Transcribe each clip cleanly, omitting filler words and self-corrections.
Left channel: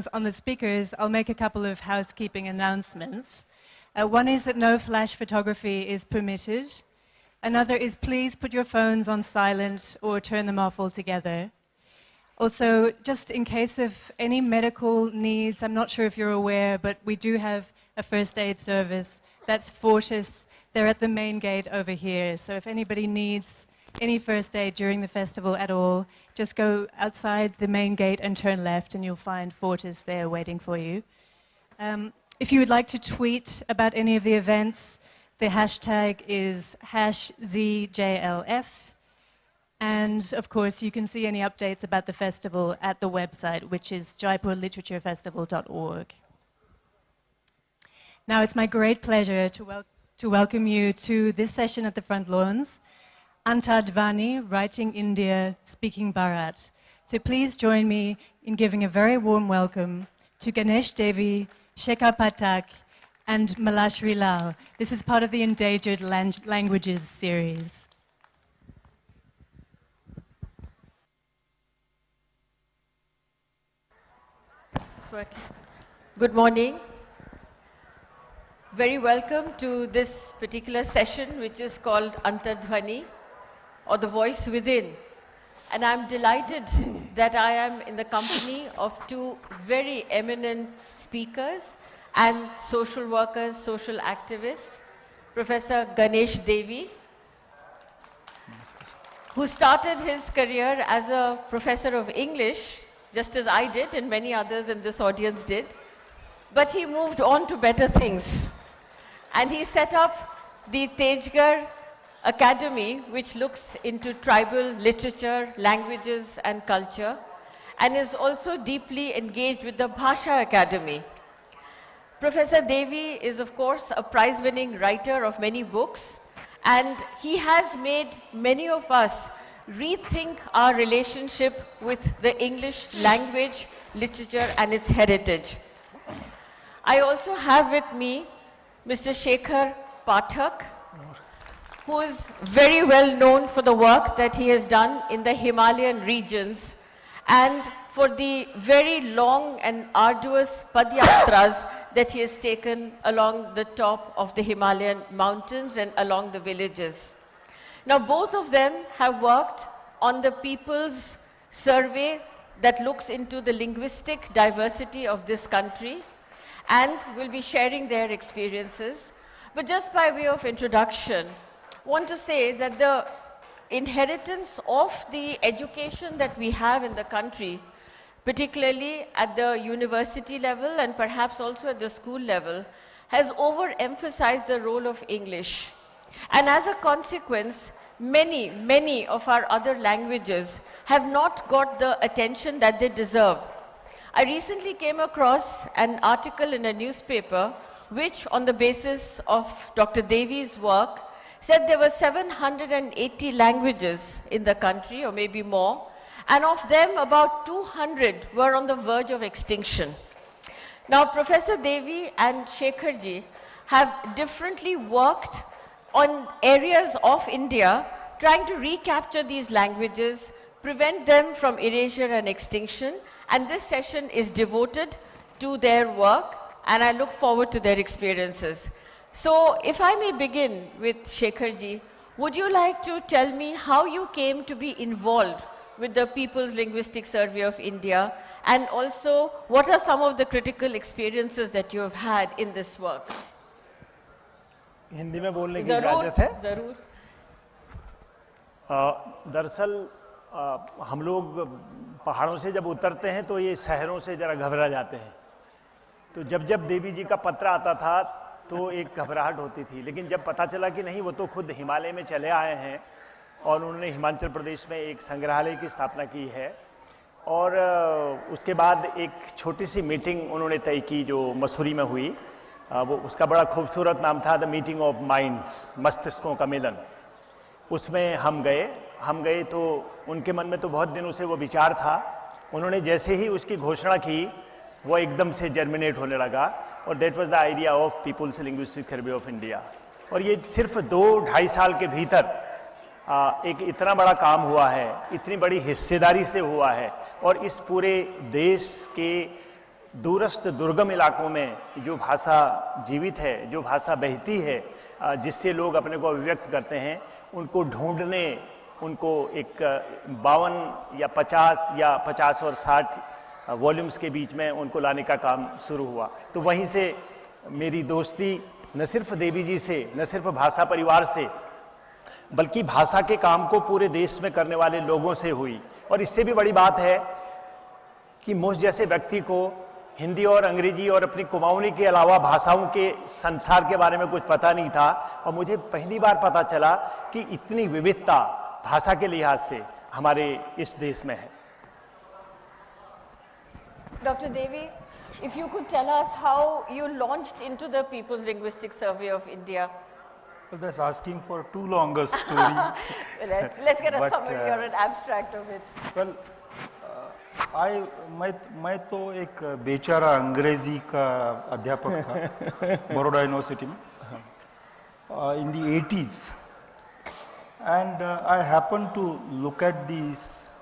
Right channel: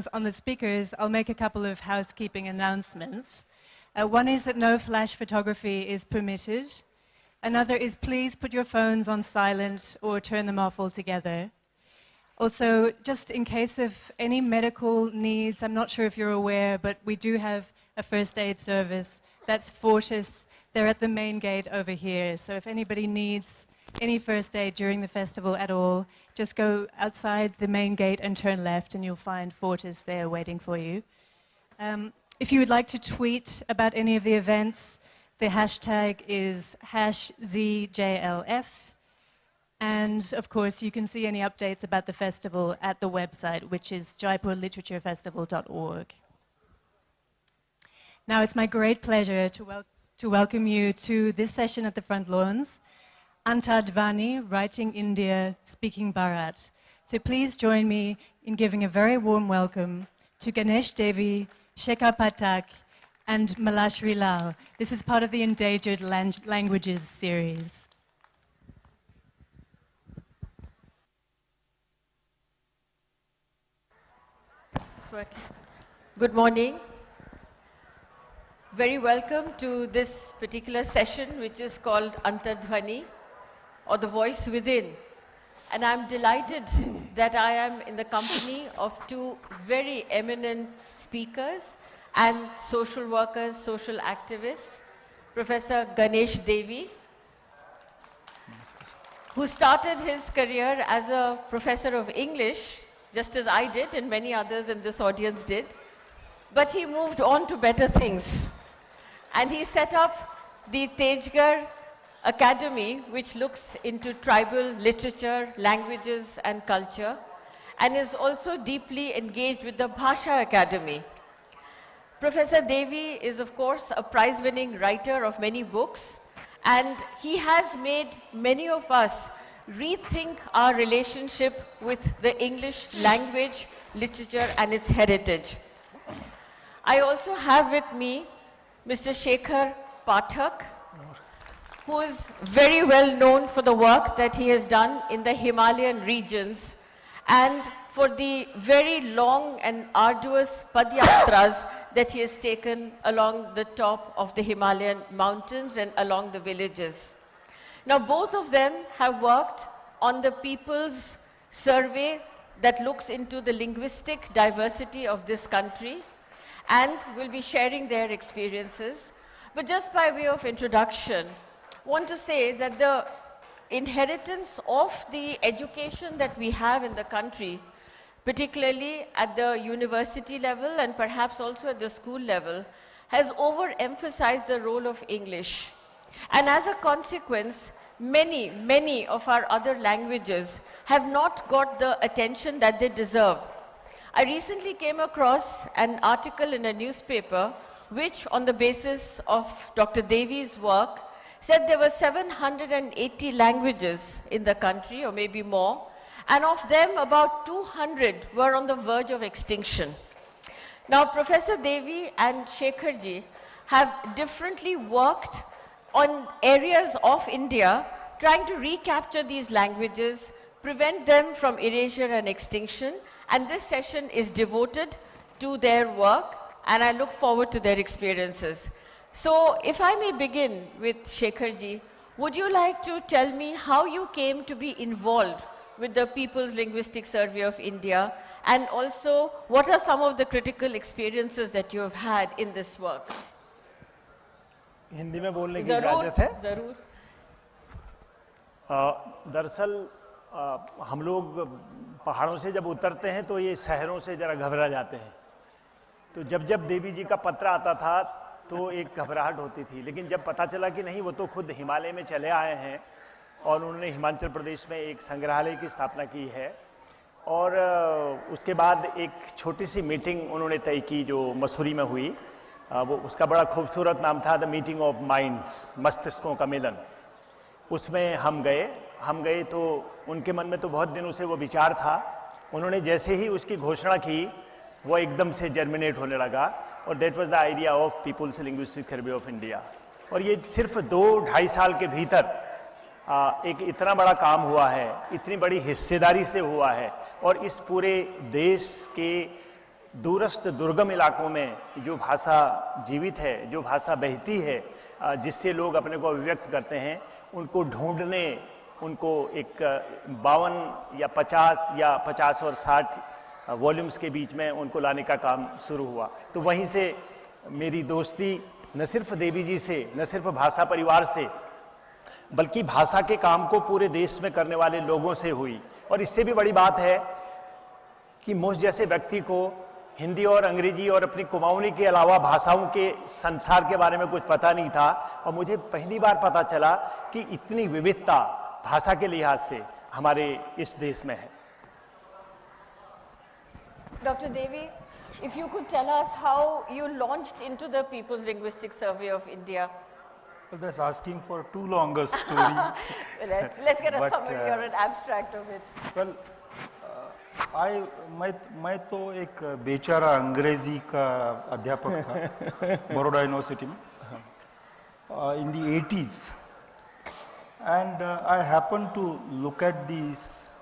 microphones on the speakers, I'll make a couple of housekeeping announcements. One is that no flash photography is permitted. Another is please put your phones on silent or turn them off altogether. Also, just in case of any medical needs, I'm not sure if you're aware, but we do have a first aid service. That's Fortis. They're at the main gate over here. So if anybody needs any first aid during the festival at all, just go outside the main gate and turn left and you'll find Fortis there waiting for you. If you would like to tweet about any of the events, the hashtag is #ZJLF. And of course, you can see any updates about the festival at the website, which is jaipurliteraturefestival.org. Now, it's my great pleasure to welcome you to this session at the Front Lawns, Antardvani, Writing India, Speaking Bharat. So please join me in giving a very warm welcome to Ganesh Devi, Shekhar Pathak, and Malashri Lal. This is part of the Endangered Languages series. Good morning. Very welcome to this particular session, which is called Antardvani, or the voice within. And I'm delighted that I am in the company of two very eminent speakers and social workers, social activists, Professor Ganesh Devi, who started his career as a professor of English, just as I did and many others in this audience did. But he moved on to better things. And he set up the Tejgarh Academy, which looks into tribal literature, languages, and culture, and is also deeply engaged with the Bhasha Academy. Professor Devi is, of course, a prize-winning writer of many books, and he has made many of us rethink our relationship with the English language, literature, and its heritage. I also have with me Mr. Shekhar Pathak, who is very well known for the work that he has done in the Himalayan regions and for the very long and arduous padyatras that he has taken along the top of the Himalayan mountains and along the villages. Now, both of them have worked on the People's Survey that looks into the linguistic diversity of this country and will be sharing their experiences. But just by way of introduction, I want to say that the inheritance of the education that we have in the country, particularly at the university level and perhaps also at the school level, has overemphasized the role of English. And as a consequence, many of our other languages have not got the attention that they deserve. I recently came across an article in a newspaper which, on the basis of Dr. Devi's work, said there were 780 languages in the country, or maybe more, and of them about 200 were on the verge of extinction. Now, Professor Devi and Shekharji have differently worked on areas of India trying to recapture these languages, prevent them from erasure and extinction, and this session is devoted to their work, and I look forward to their experiences. So, if I may begin with Shekharji, would you like to tell me how you came to be involved with the People's Linguistic Survey of India, and also what are some of the critical experiences that you have had in this work? Hindi में बोलने की इजाज़त है? ज़रूर। दरअसल हम लोग पहाड़ों से जब उतरते हैं तो ये शहरों से ज़रा घबरा जाते हैं। तो जब देवी जी का पत्र आता था तो एक घबराहट होती थी, लेकिन जब पता चला कि नहीं, वो तो खुद हिमालय में चले आए हैं और उन्होंने हिमाचल प्रदेश में एक संग्रहालय की स्थापना की है, और उसके बाद एक छोटी सी मीटिंग उन्होंने तय की जो मसूरी में हुई, वो उसका बड़ा खूबसूरत नाम था द मीटिंग ऑफ माइंड्स, मस्तिष्कों का मिलन। उसमें हम गए तो उनके मन में तो बहुत दिनों से वो विचार था। उन्होंने जैसे ही उसकी घोषणा की वो एकदम से जर्मिनेट होने लगा, और that was the idea of people's linguistic survey of India. और ये सिर्फ 2-2.5 साल के भीतर एक इतना बड़ा काम हुआ है, इतनी बड़ी हिस्सेदारी से हुआ है, और इस पूरे देश के दूरस्थ दुर्गम इलाकों में जो भाषा जीवित है, जो भाषा बहती है, जिससे लोग अपने को अभिव्यक्त करते हैं, उनको ढूंढने, उनको एक 52 या 50 या 50 और 60 वॉल्यूम्स के बीच में उनको लाने का काम शुरू हुआ। तो वहीं से मेरी दोस्ती न सिर्फ देवी जी से, न सिर्फ भाषा परिवार से, बल्कि भाषा के काम को पूरे देश में करने वाले लोगों से हुई। और इससे भी बड़ी बात है कि मुझ जैसे व्यक्ति को हिंदी और अंग्रेजी और अपनी कुमाऊनी के अलावा भाषाओं के संसार के बारे में कुछ पता नहीं था, और मुझे पहली बार पता चला कि इतनी विविधता भाषा के लिहाज से हमारे इस देश में है। Dr. Devi, if you could tell us how you launched into the People's Linguistic Survey of India. Well, that's asking for too long a story. let's get a But, summary or an abstract of it. Well, मैं तो एक बेचारा अंग्रेजी का अध्यापक था Baroda university में in the 80s, and I happened to look at these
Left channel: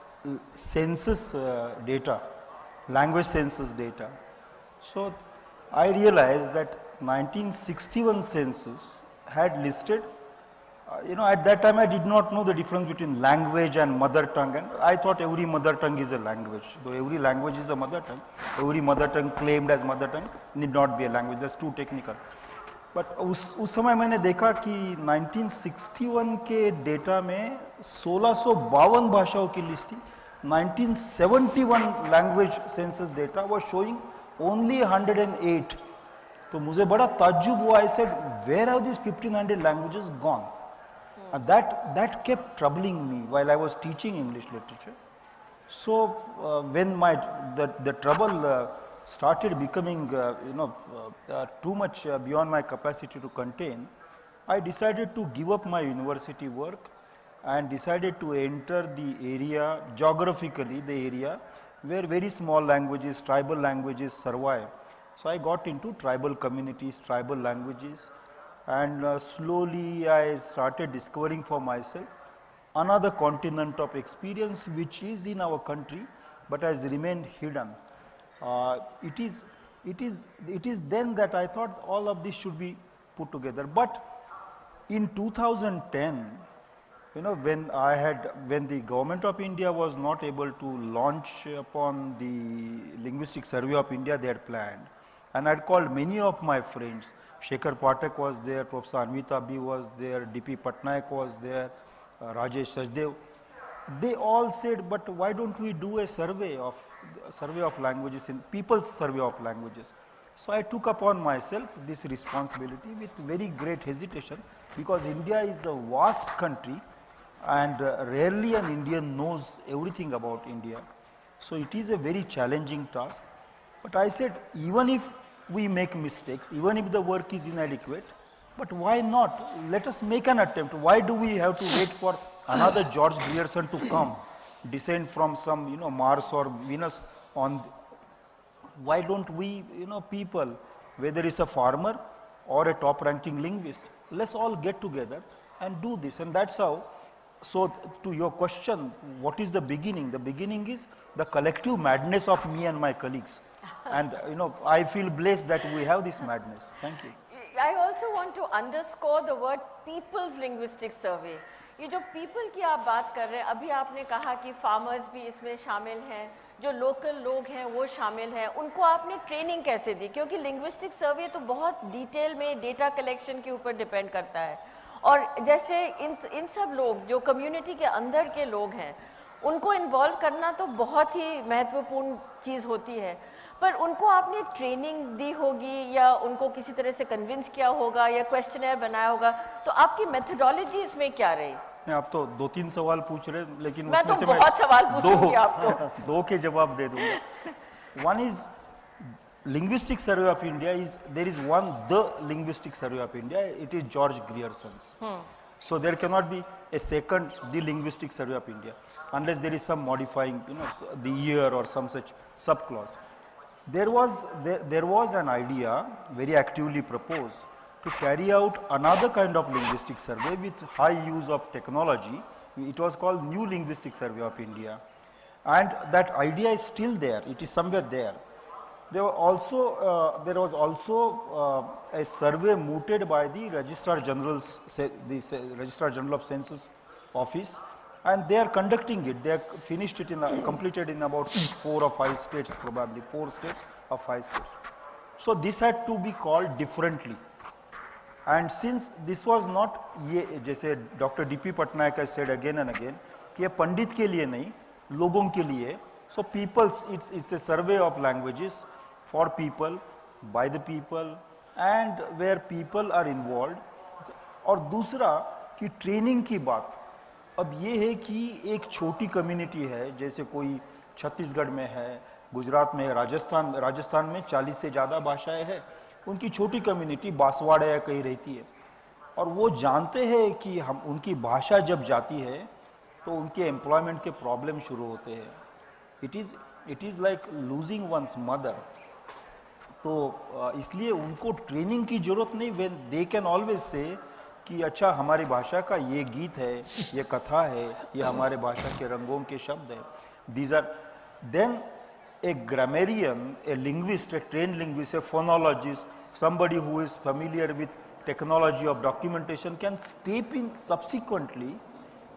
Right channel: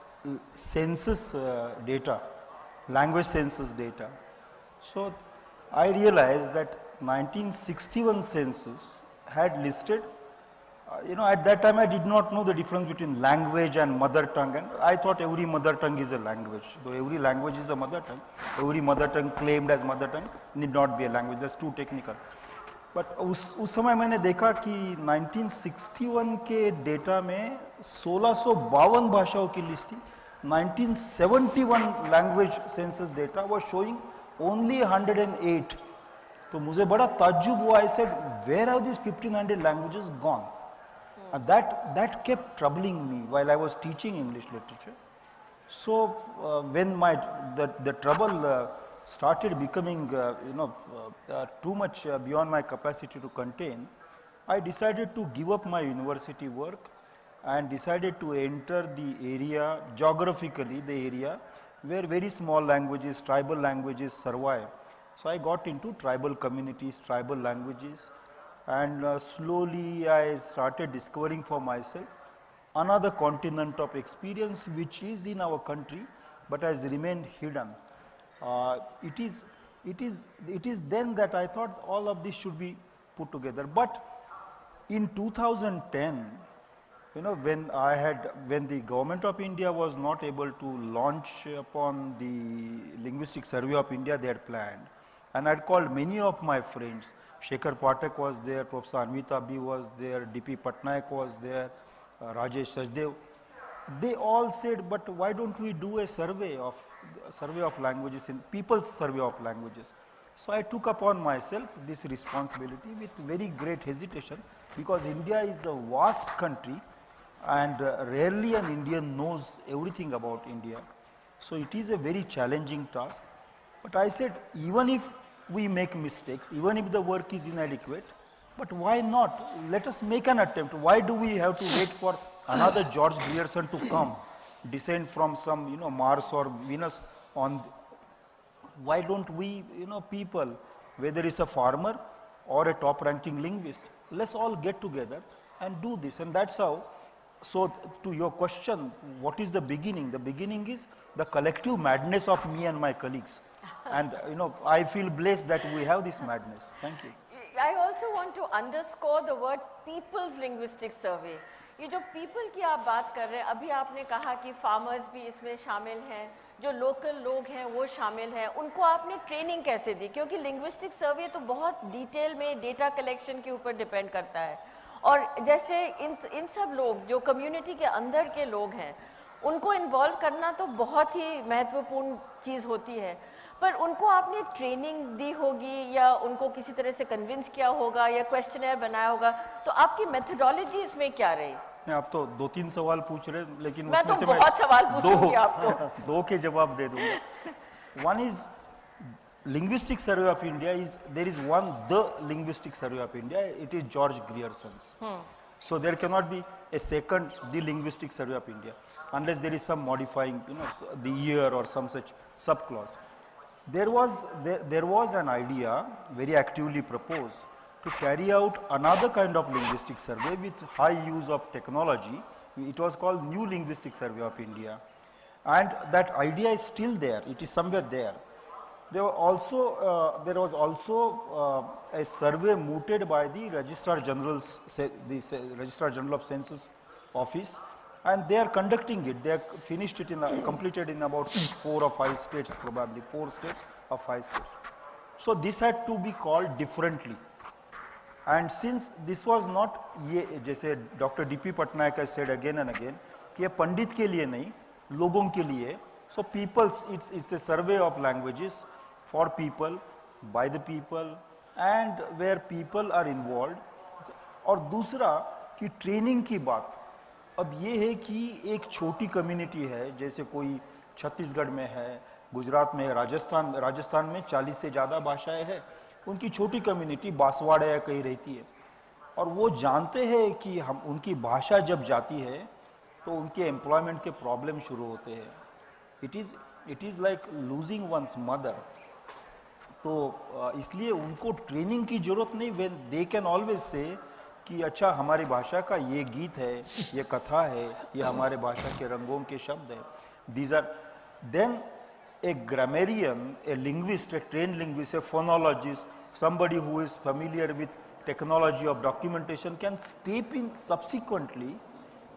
census data, language census data. So I realized that 1961 census had listed, at that time I did not know the difference between language and mother tongue, and I thought every mother tongue is a language. Though every language is a mother tongue, every mother tongue claimed as mother tongue need not be a language, that's too technical. But उस समय मैंने देखा कि 1961 के data में 1652 भाषाओं की list थी. 1971 language census data was showing only 108. तो मुझे बड़ा ताज्जुब हुआ. I said, where have these 1500 languages gone? And that kept troubling me while I was teaching English literature. So when the trouble started becoming too much beyond my capacity to contain, I decided to give up my university work and decided to enter the area, geographically the area where very small languages, tribal languages survive. So I got into tribal communities, tribal languages, and slowly I started discovering for myself another continent of experience which is in our country but has remained hidden. It is then that I thought all of this should be put together. But in 2010, when the government of India was not able to launch upon the Linguistic Survey of India they had planned, and I had called many of my friends. Shekhar Pathak was there, Professor Anvita B was there, D.P. Patnaik was there, Rajesh Sachdev. They all said, but why don't we do a survey of languages, in people's survey of languages. So I took upon myself this responsibility with very great hesitation, because India is a vast country and rarely an Indian knows everything about India. So it is a very challenging task. But I said, even if we make mistakes, even if the work is inadequate, but why not? Let us make an attempt. Why do we have to wait for another George Grierson to come, descend from some Mars or Venus on? Why don't we people, whether it's a farmer or a top ranking linguist, let's all get together and do this. And that's how. So to your question, what is the beginning? The beginning is the collective madness of me and my colleagues. And I feel blessed that we have this madness. Thank you. I also want to underscore the word People's Linguistic Survey. ये जो people की आप बात कर रहे हैं, अभी आपने कहा कि farmers भी इसमें शामिल हैं, जो local लोग हैं वो शामिल हैं, उनको आपने training कैसे दी? क्योंकि linguistic survey तो बहुत detail में data collection के ऊपर depend करता है, और जैसे इन सब लोग जो community के अंदर के लोग हैं, उनको involve करना तो बहुत ही महत्वपूर्ण चीज़ होती है, पर उनको आपने ट्रेनिंग दी होगी या उनको किसी तरह से कन्विंस किया होगा या क्वेश्चनर बनाया होगा, तो आपकी मेथोडोलॉजी इसमें क्या रही? आप तो 2-3 सवाल पूछ रहे, लेकिन मैं तो बहुत सवाल पूछूंगी आपको. दो के जवाब दे दूंगा. One is Linguistic Survey of India there is the Linguistic Survey of India. It is George Grierson's. So there cannot be a second the Linguistic Survey of India unless there is some modifying, the year or some such subclause. There was an idea very actively proposed to carry out another kind of linguistic survey with high use of technology. It was called New Linguistic Survey of India, and that idea is still there. It is somewhere there. There was also a survey mooted by the Registrar General's, Registrar General of Census Office, and they are conducting it. They have finished it completed in about 4 or 5 states, probably 4 states or 5 states. So this had to be called differently. And since this was not, ये जैसे Dr. D.P. Patnaik has said again and again, कि ये पंडित के लिए नहीं, लोगों के लिए. So it's a survey of languages for people, by the people, and where people are involved. और दूसरा कि ट्रेनिंग की बात, अब ये है कि एक छोटी कम्युनिटी है, जैसे कोई छत्तीसगढ़ में है, गुजरात में, राजस्थान में 40 से ज़्यादा भाषाएं हैं, उनकी छोटी कम्युनिटी बांसवाड़ा या कहीं रहती है, और वो जानते हैं कि हम उनकी भाषा जब जाती है तो उनके एम्प्लॉयमेंट के प्रॉब्लम शुरू होते हैं. It is like losing one's mother. तो इसलिए उनको ट्रेनिंग की जरूरत नहीं. When they can always say कि अच्छा हमारी भाषा का ये गीत है, ये कथा है, ये हमारे भाषा के रंगों के शब्द हैं. These are then a grammarian, a linguist, a trained linguist, a phonologist, somebody who is familiar with technology of documentation can step in subsequently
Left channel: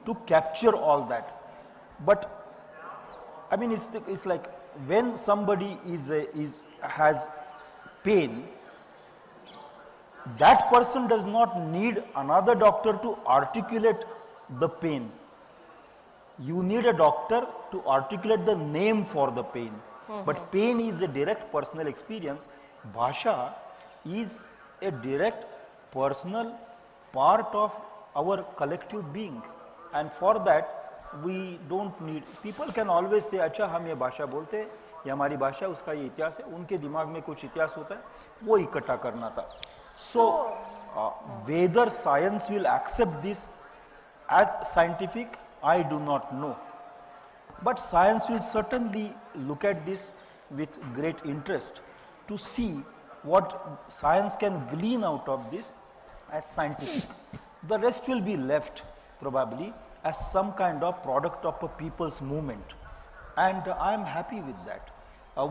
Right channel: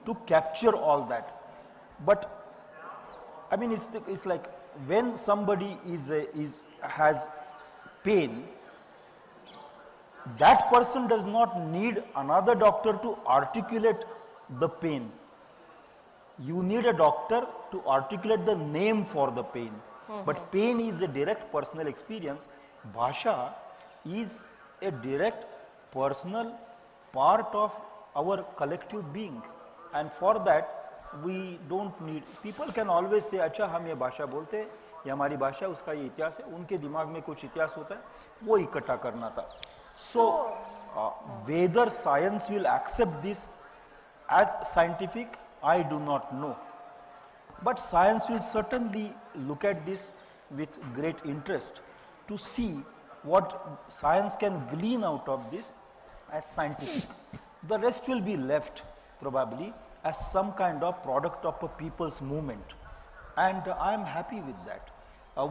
to capture all that. But I mean, it's like when somebody has pain, that person does not need another doctor to articulate the pain. You need a doctor to articulate the name for the pain. But pain is a direct personal experience. Bhasha is a direct personal part of our collective being. And for that, we don't need, people can always say, अच्छा हम ये भाषा बोलते हैं, ये हमारी भाषा, उसका ये इतिहास है, उनके दिमाग में कुछ इतिहास होता है, वो इकट्ठा करना था. So, whether science will accept this as scientific, I do not know. But science will certainly look at this with great interest to see what science can glean out of this as scientific. The rest will be left probably as some kind of product of a people's movement, and I am happy with that.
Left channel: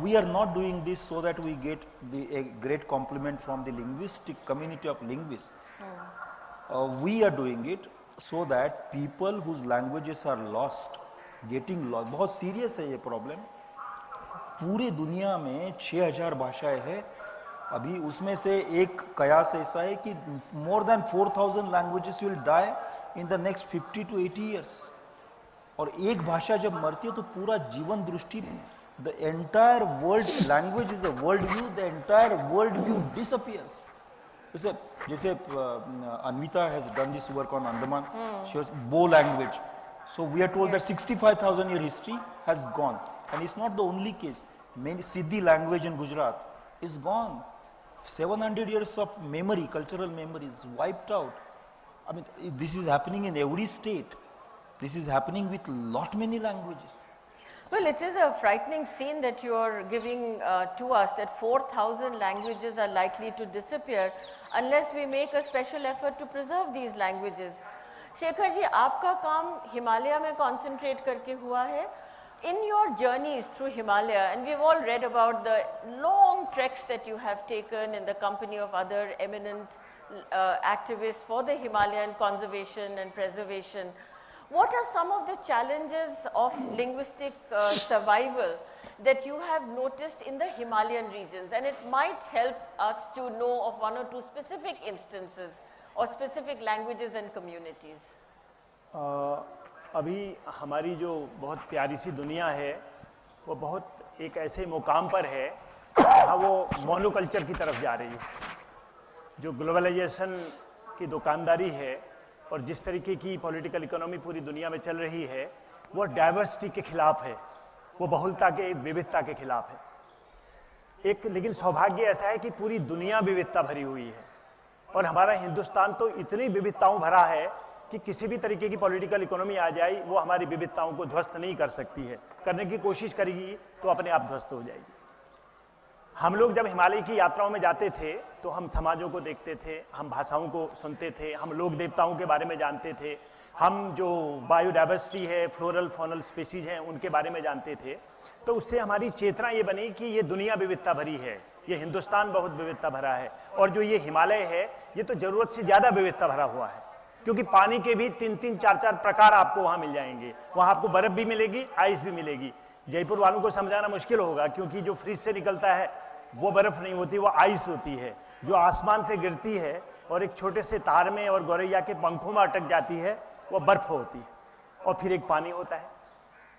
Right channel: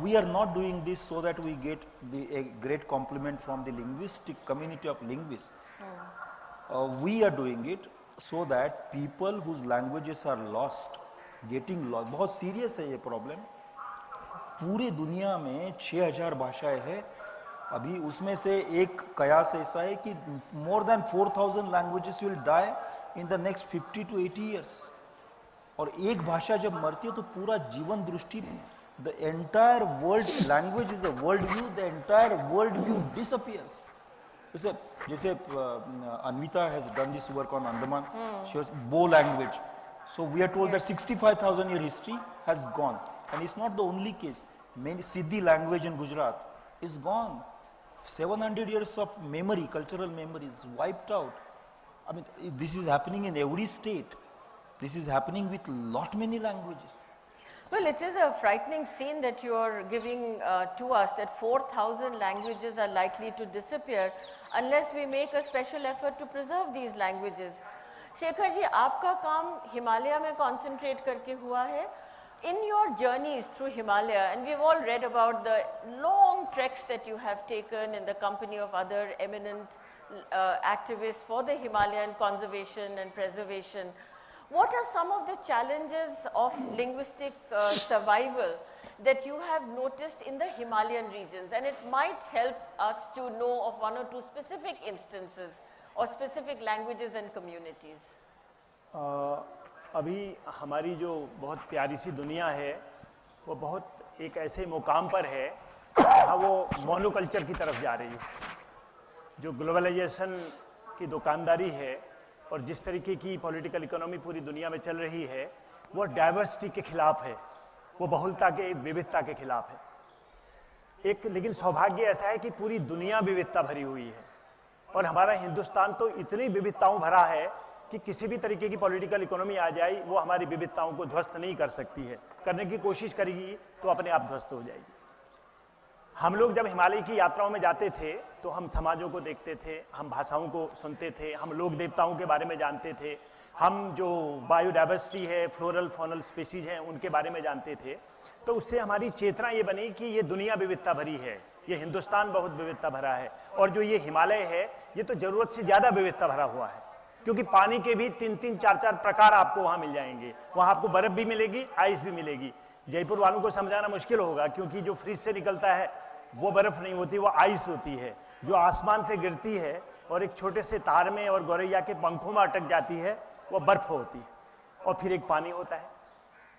We are not doing this so that we get a great compliment from the linguistic community of linguists. We are doing it so that people whose languages are lost, getting lost, बहुत serious है ये problem. पूरे दुनिया में 6000 भाषाएं हैं. अभी उसमें से एक कयास ऐसा है कि more than 4000 languages will die in the next 50 to 80 years. और एक भाषा जब मरती है तो पूरा जीवन दृष्टि, the entire world, language is a world view, the entire world view disappears. जैसे Anvita has done this work on Andaman, she was Bo language. So we are told that 65,000 year history has gone, and it's not the only case. Many Siddhi language in Gujarat is gone. 700 years of memory, cultural memory is wiped out. I mean, this is happening in every state. This is happening with many languages. Well, it is a frightening scene that you are giving to us, that 4,000 languages are likely to disappear unless we make a special effort to preserve these languages. Shekhar ji, आपका काम हिमालय में concentrate करके हुआ है. In your journeys through Himalaya, and we've all read about the long treks that you have taken in the company of other eminent activists for the Himalayan conservation and preservation, what are some of the challenges of linguistic survival that you have noticed in the Himalayan regions? And it might help us to know of one or two specific instances or specific languages and communities. अभी हमारी जो बहुत प्यारी सी दुनिया है वो बहुत एक ऐसे मुकाम पर है जहाँ वो मोनोकल्चर की तरफ जा रही है. जो ग्लोबलाइजेशन की दुकानदारी है और जिस तरीके की पॉलिटिकल इकोनॉमी पूरी दुनिया में चल रही है वो डाइवर्सिटी के खिलाफ है, वो बहुलता के विविधता के खिलाफ है. एक लेकिन सौभाग्य ऐसा है कि पूरी दुनिया विविधता भरी हुई है और हमारा हिंदुस्तान तो इतनी विविधताओं भरा है कि किसी भी तरीके की पॉलिटिकल इकोनॉमी आ जाए वो हमारी विविधताओं को ध्वस्त नहीं कर सकती है. करने की कोशिश करेगी तो अपने आप ध्वस्त हो जाएगी. हम लोग जब हिमालय की यात्राओं में जाते थे तो हम समाजों को देखते थे, हम भाषाओं को सुनते थे, हम लोक देवताओं के बारे में जानते थे, हम जो बायोडाइवर्सिटी है, फ्लोरल फॉनल स्पीसीज हैं उनके बारे में जानते थे. तो उससे हमारी चेतना ये बनी कि ये दुनिया विविधता भरी है, ये हिंदुस्तान बहुत विविधता भरा है, और जो ये हिमालय है ये तो जरूरत से ज्यादा विविधता भरा हुआ है, क्योंकि पानी के भी 3-3, 4-4 प्रकार आपको वहां मिल जाएंगे। वहां आपको बर्फ भी मिलेगी, आइस भी मिलेगी। जयपुर वालों को समझाना मुश्किल होगा, क्योंकि जो फ्रिज से निकलता है वो बर्फ नहीं होती, वो आइस होती है, जो आसमान से गिरती है और एक छोटे से तार में और गौरैया के पंखों में अटक जाती है, वो बर्फ होती है। और फिर एक पानी होता है,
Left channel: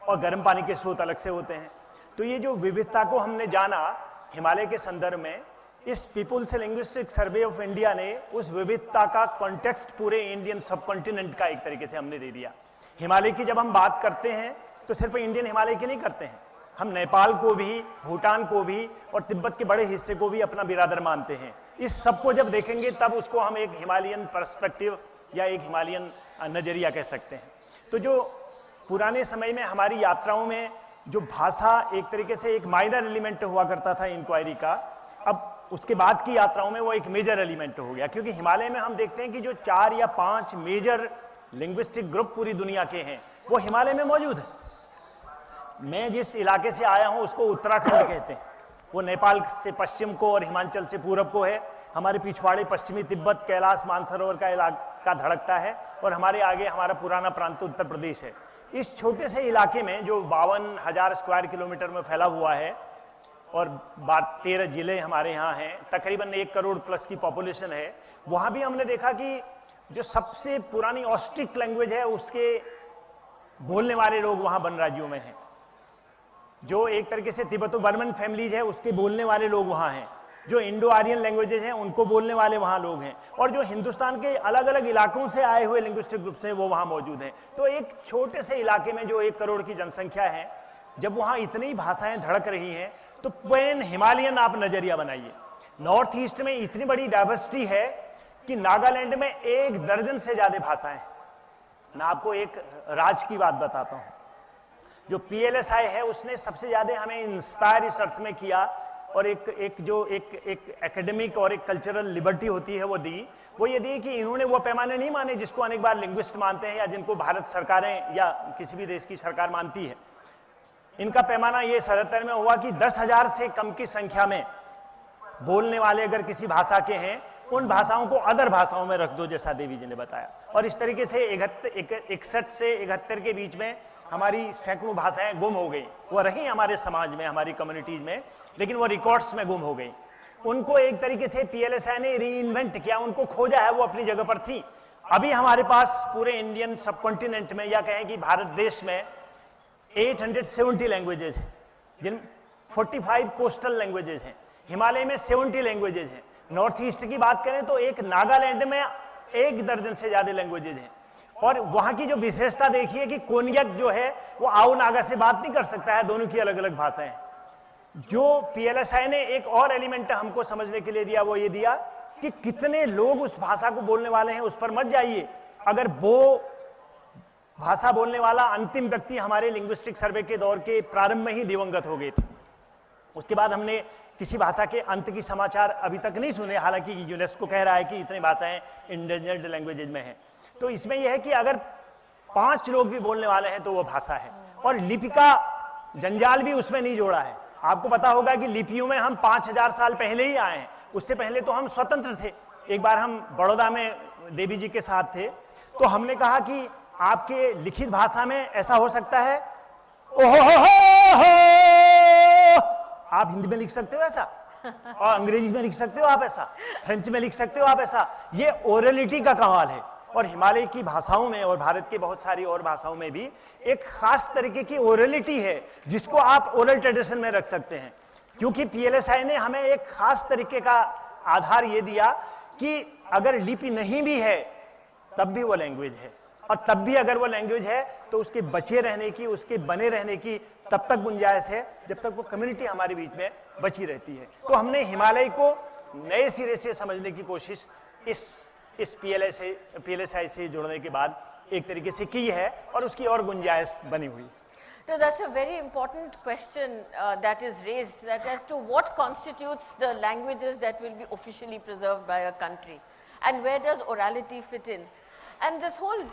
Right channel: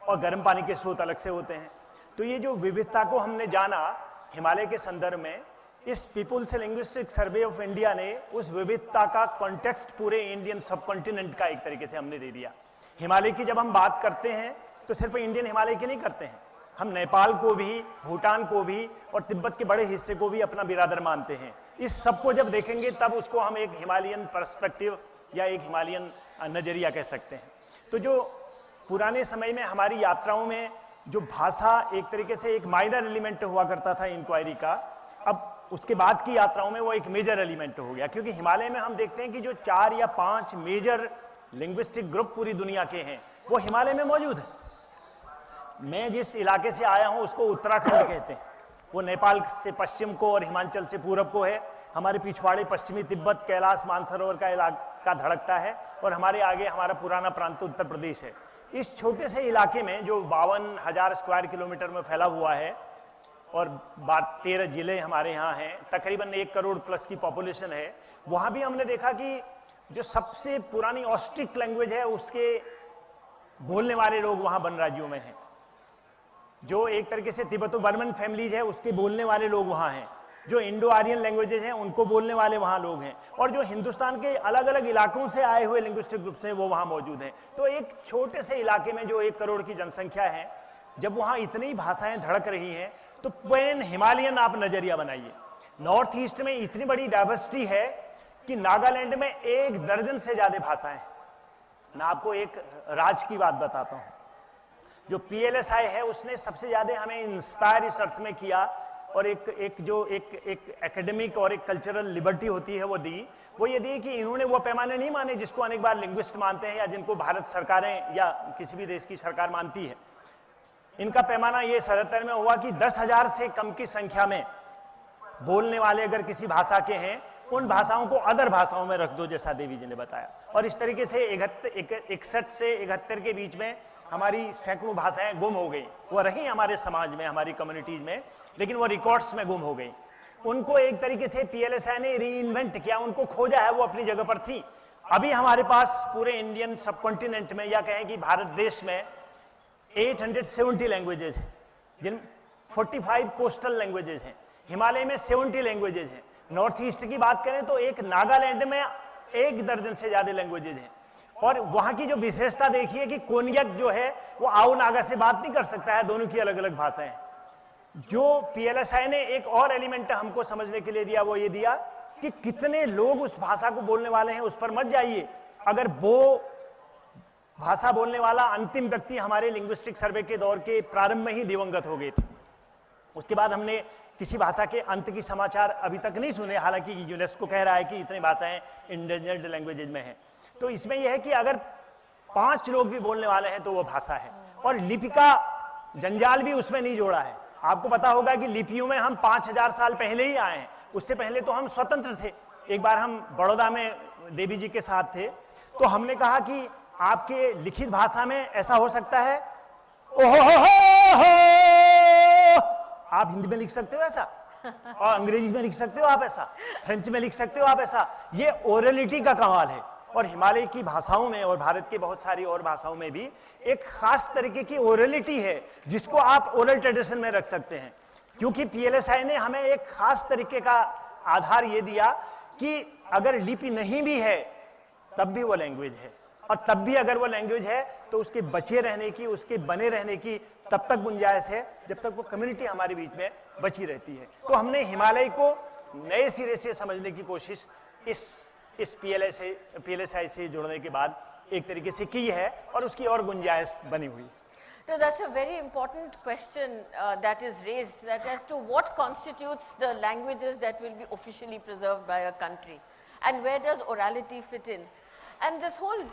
और गर्म पानी के स्रोत अलग से होते हैं। तो ये जो विविधता को हमने जाना हिमालय के संदर्भ में, इस people's linguistic survey of India ने उस विविधता का कॉन्टेक्स्ट पूरे इंडियन सबकॉन्टिनेंट का एक तरीके से हमने दे दिया। हिमालय की जब हम बात करते हैं तो सिर्फ इंडियन हिमालय की नहीं करते हैं, हम नेपाल को भी, भूटान को भी और तिब्बत के बड़े हिस्से को भी अपना बिरादर मानते हैं। इस सब को जब देखेंगे तब उसको हम एक हिमालयन पर्सपेक्टिव या एक हिमालयन नजरिया कह सकते हैं। तो जो पुराने समय में हमारी यात्राओं में जो भाषा एक तरीके से एक माइनर एलिमेंट हुआ करता था इंक्वायरी का, अब उसके बाद की यात्राओं में वो एक मेजर एलिमेंट हो गया, क्योंकि हिमालय में हम देखते हैं कि जो 4 या 5 मेजर लिंग्विस्टिक ग्रुप पूरी दुनिया के हैं वो हिमालय में मौजूद है। मैं जिस इलाके से आया हूं उसको उत्तराखंड कहते हैं, वो नेपाल से पश्चिम को और हिमाचल से पूरब को है। हमारे पिछवाड़े पश्चिमी तिब्बत, कैलाश, मानसरोवर का इलाका धड़कता है, और हमारे आगे हमारा पुराना प्रांत उत्तर प्रदेश है। इस छोटे से इलाके में जो 52,000 स्क्वायर किलोमीटर में फैला हुआ है और 13 जिले हमारे यहाँ हैं, तकरीबन 1 करोड़ प्लस की पॉपुलेशन है, वहाँ भी हमने देखा कि जो सबसे पुरानी ऑस्ट्रिक लैंग्वेज है उसके बोलने वाले लोग वहाँ वन राज्यों में हैं। जो एक तरीके से तिब्बतो बर्मन फैमिलीज है उसके बोलने वाले लोग वहाँ हैं। जो इंडो आर्यन लैंग्वेजेज हैं उनको बोलने वाले वहाँ लोग हैं, और जो हिंदुस्तान के अलग अलग इलाकों से आए हुए लिंग्विस्टिक ग्रुप्स हैं वो वहाँ मौजूद हैं। तो एक छोटे से इलाके में जो 1 करोड़ की जनसंख्या है, जब वहाँ इतनी भाषाएं धड़क रही हैं, तो पैन हिमालयन आप नजरिया बनाइए। नॉर्थ ईस्ट में इतनी बड़ी डाइवर्सिटी है कि नागालैंड में 1 दर्जन से ज्यादा भाषाएं हैं। मैं आपको एक राज की बात बताता हूँ। जो PLSI है उसने सबसे ज्यादा हमें इंस्पायर इस अर्थ में किया, और एक एकेडमिक और एक कल्चरल लिबर्टी होती है वो दी, वो ये दी कि इन्होंने वो पैमाने नहीं माने जिसको अनेक बार लिंग्विस्ट मानते हैं या जिनको भारत सरकारें या किसी भी देश की सरकार मानती है। इनका पैमाना ये 77 में हुआ कि 10,000 से कम की संख्या में बोलने वाले अगर किसी भाषा के हैं, उन भाषाओं को अदर भाषाओं में रख दो, जैसा देवी जी ने बताया। और इस तरीके से 61 से 71 के बीच में हमारी सैकड़ों भाषाएं गुम हो गई। वो रही हमारे समाज में, हमारी कम्युनिटीज में, लेकिन वो रिकॉर्ड्स में गुम हो गई। उनको एक तरीके से PLSI ने रीइन्वेंट किया, उनको खोजा है, वो अपनी जगह पर थी। अभी हमारे पास पूरे इंडियन सबकॉन्टिनेंट में या कहें कि भारत देश में 870 लैंग्वेजेज हैं, जिन 45 कोस्टल लैंग्वेजेज हैं। हिमालय में 70 लैंग्वेजेज हैं। नॉर्थ ईस्ट की बात करें तो एक नागालैंड में 1 दर्जन से ज्यादा लैंग्वेजेज हैं। और वहां की जो विशेषता देखिए कि कोन्याक जो है वो आओ नागा से बात नहीं कर सकता है, दोनों की अलग अलग भाषाएं हैं। जो PLSI ने एक और एलिमेंट हमको समझने के लिए दिया, वो ये दिया कि कितने लोग उस भाषा को बोलने वाले हैं, उस पर मत जाइए। अगर वो भाषा बोलने वाला अंतिम व्यक्ति हमारे लिंग्विस्टिक सर्वे के दौर के प्रारंभ में ही दिवंगत हो गए थे, उसके बाद हमने किसी भाषा के अंत की समाचार अभी तक नहीं सुने। हालांकि यूनेस्को कह रहा है कि इतनी भाषाएं इंडेंजर्ड लैंग्वेजेज में हैं। तो इसमें यह है कि अगर 5 लोग भी बोलने वाले हैं तो वो भाषा है, और लिपि का जंजाल भी उसमें नहीं जोड़ा है। आपको पता होगा कि लिपियों में हम 5000 साल पहले ही आए हैं, उससे पहले तो हम स्वतंत्र थे। एक बार हम बड़ौदा में देवी जी के साथ थे, तो हमने कहा कि आपके लिखित भाषा में ऐसा हो सकता है, ओहो, आप हिंदी में लिख सकते हो ऐसा, और अंग्रेजी में लिख सकते हो आप ऐसा, फ्रेंच में लिख सकते हो आप ऐसा। ये ओरलिटी का कमाल है। और हिमालय की भाषाओं में और भारत की बहुत सारी और भाषाओं में भी एक खास तरीके की ओरलिटी है, जिसको आप ओरल ट्रेडिशन में रख सकते हैं। क्योंकि PLSI ने हमें एक खास तरीके का आधार ये दिया कि अगर लिपि नहीं भी है तब भी वो लैंग्वेज है, और तब भी अगर वो लैंग्वेज है तो उसके बचे रहने की, उसके बने रहने की तब तक गुंजाइश है जब तक वो कम्युनिटी हमारे बीच में बची रहती है। तो हमने हिमालय को नए सिरे से समझने की कोशिश इस PLSI से जुड़ने के बाद एक तरीके से की है, और उसकी और गुंजाइश बनी हुई। No, that's a very important question that is raised, that as to what constitutes the languages that will be officially preserved by a country, and where does orality fit in. And this whole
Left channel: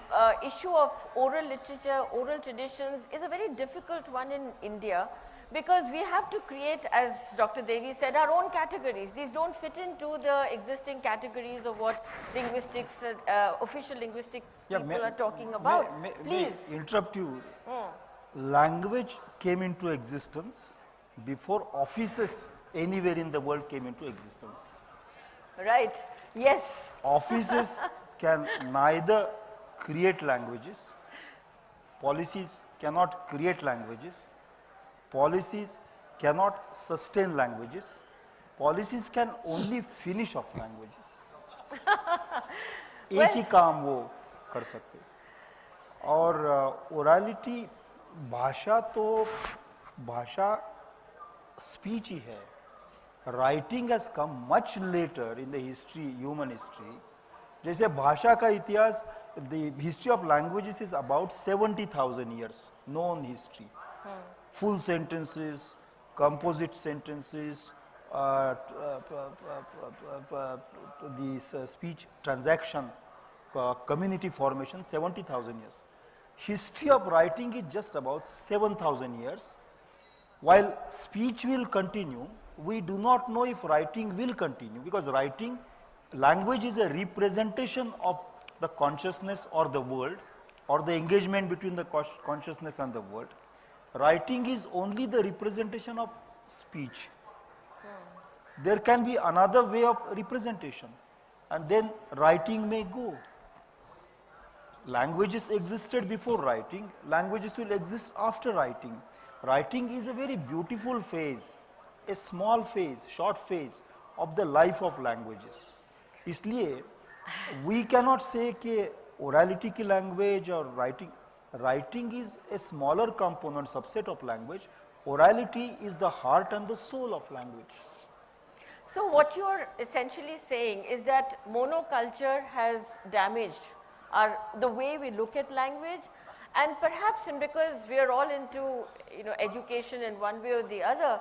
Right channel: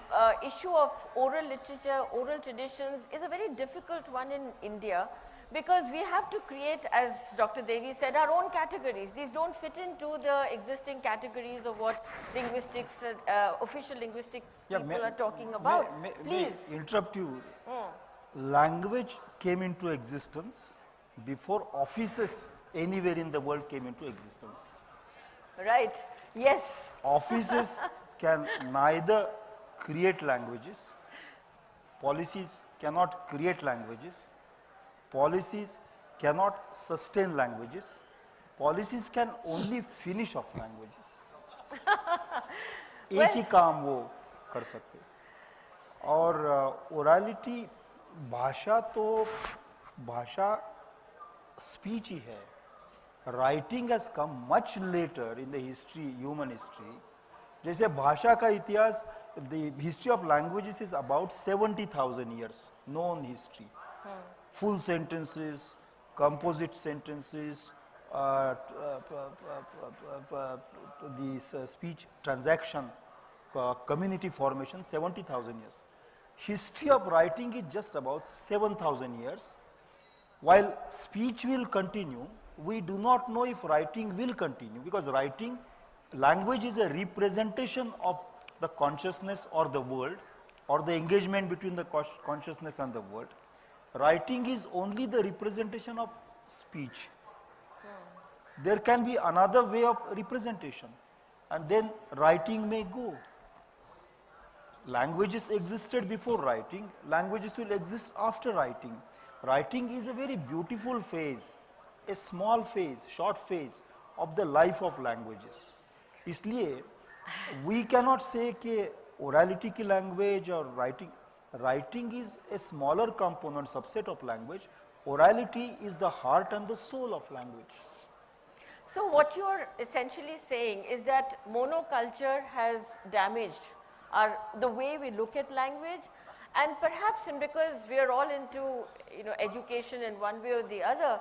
issue of oral literature, oral traditions is a very difficult one in India, Because we have to create, as Dr. Devi said, our own categories. These don't fit into the existing categories of what linguistics, official linguistic people are talking about. Please. May interrupt you. Language came into existence before offices anywhere in the world came into existence. Right. Yes. Offices can neither create languages, policies cannot create languages, policies cannot sustain languages, policies can only finish off languages. एक ही काम वो कर सकते और ओरलिटी भाषा तो भाषा speech ही है. Writing has come much later in the history, human history. जैसे भाषा का इतिहास, the history of languages is about 70,000 years known history. Full sentences, composite sentences, the speech transaction, community formation, 70,000 years. History of writing is just about 7,000 years. While speech will continue, we do not know if writing will continue, because writing, language is a representation of the consciousness or the world, or the engagement between the consciousness and the world. Writing is only the representation of speech. There can be another way of representation, and then writing may go. Languages existed before writing, languages will exist after writing. Writing is a very beautiful phase, a small phase, short phase of the life of languages. इसलिए we cannot say कि orality की language or writing is a smaller component, subset of language. Orality is the heart and the soul of language. So what you are essentially saying is that monoculture has damaged the way we look at language, and perhaps because we are all into education in one way or the other,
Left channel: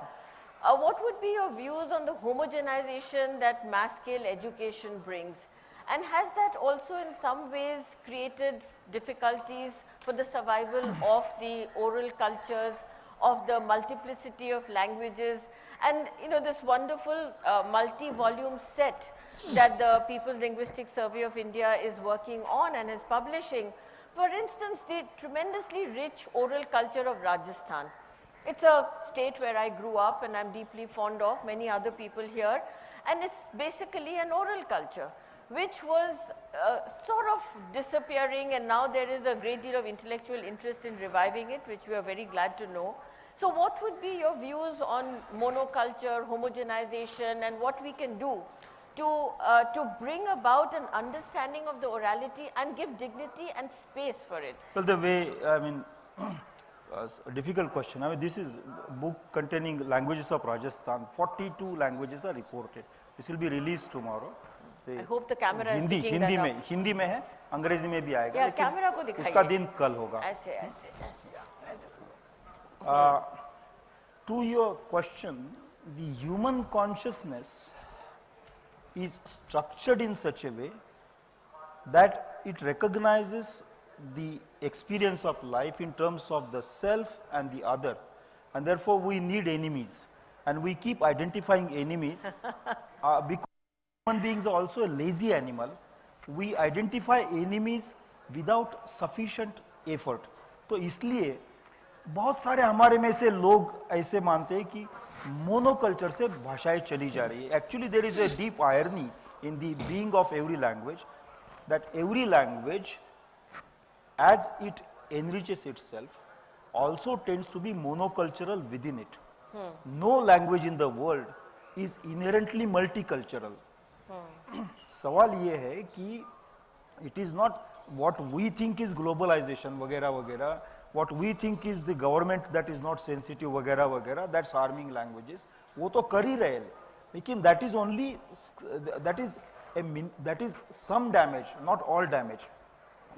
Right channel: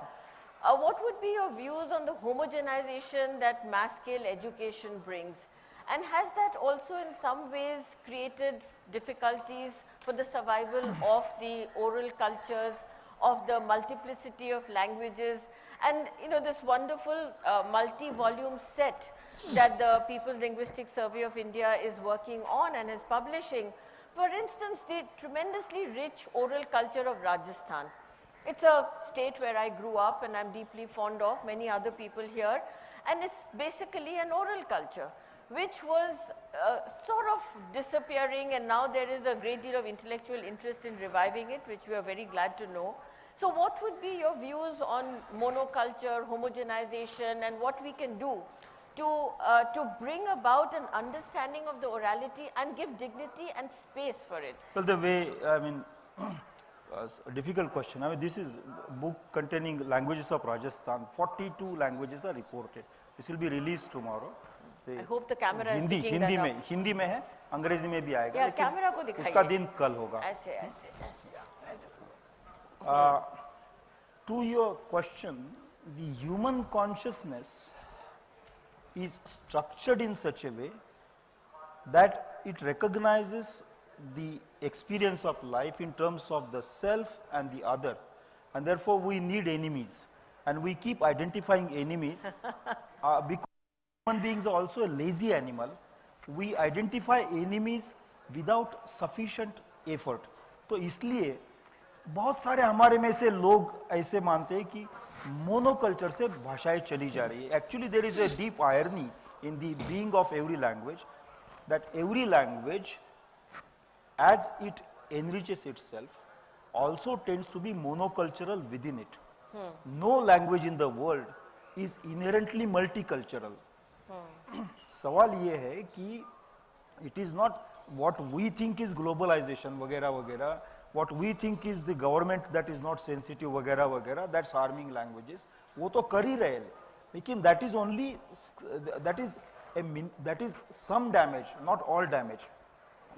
what would be your views on the homogenization that mass scale education brings? And has that also in some ways created difficulties for the survival of the oral cultures, of the multiplicity of languages, and this wonderful multi-volume set that the People's Linguistic Survey of India is working on and is publishing? For instance, the tremendously rich oral culture of Rajasthan. It's a state where I grew up and I'm deeply fond of, many other people here, and it's basically an oral culture which was sort of disappearing, and now there is a great deal of intellectual interest in reviving it, which we are very glad to know. So what would be your views on monoculture, homogenization, and what we can do to bring about an understanding of the orality and give dignity and space for it? Well, the way, I mean, a difficult question. I mean, this is a book containing languages of Rajasthan. 42 languages are reported. This will be released tomorrow. I hope the camera is picking that up. Hindi में है, अंग्रेजी में भी आएगा, Yeah, लेकिन camera को दिखाइए. उसका दिन कल होगा. ऐसे. To your question, the human consciousness is structured in such a way that it recognizes the experience of life in terms of the self and the other, and therefore we need enemies, and we keep identifying enemies because human beings are also a lazy animal. We identify enemies without sufficient effort. तो इसलिए बहुत सारे हमारे में से लोग ऐसे मानते हैं कि मोनोकल्चर से भाषाएं चली जा रही है. Actually there is a deep irony in the being of every language, that every language as it enriches itself also tends to be monocultural within it. No language in the world is inherently multicultural. सवाल ये है कि it is not what we think is globalization वगैरह वगैरह, what we think is the government that is not sensitive वगैरह वगैरह, that's harming languages. वो तो कर ही रहे हैं, लेकिन that is only, that is some damage, not all damage.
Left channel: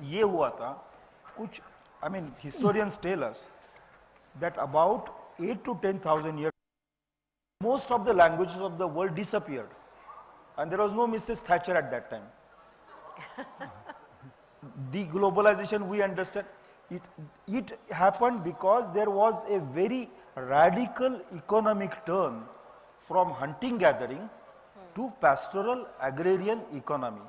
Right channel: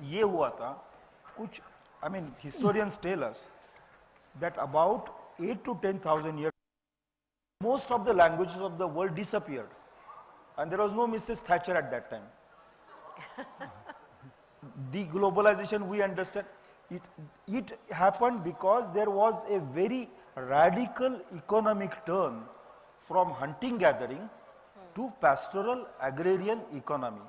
ये हुआ था कुछ, I mean historians tell us that about 8 to 10,000 years most of the languages of the world disappeared, and there was no Mrs. Thatcher at that time. Deglobalization, we understand, it happened because there was a very radical economic turn from hunting gathering to pastoral agrarian economy.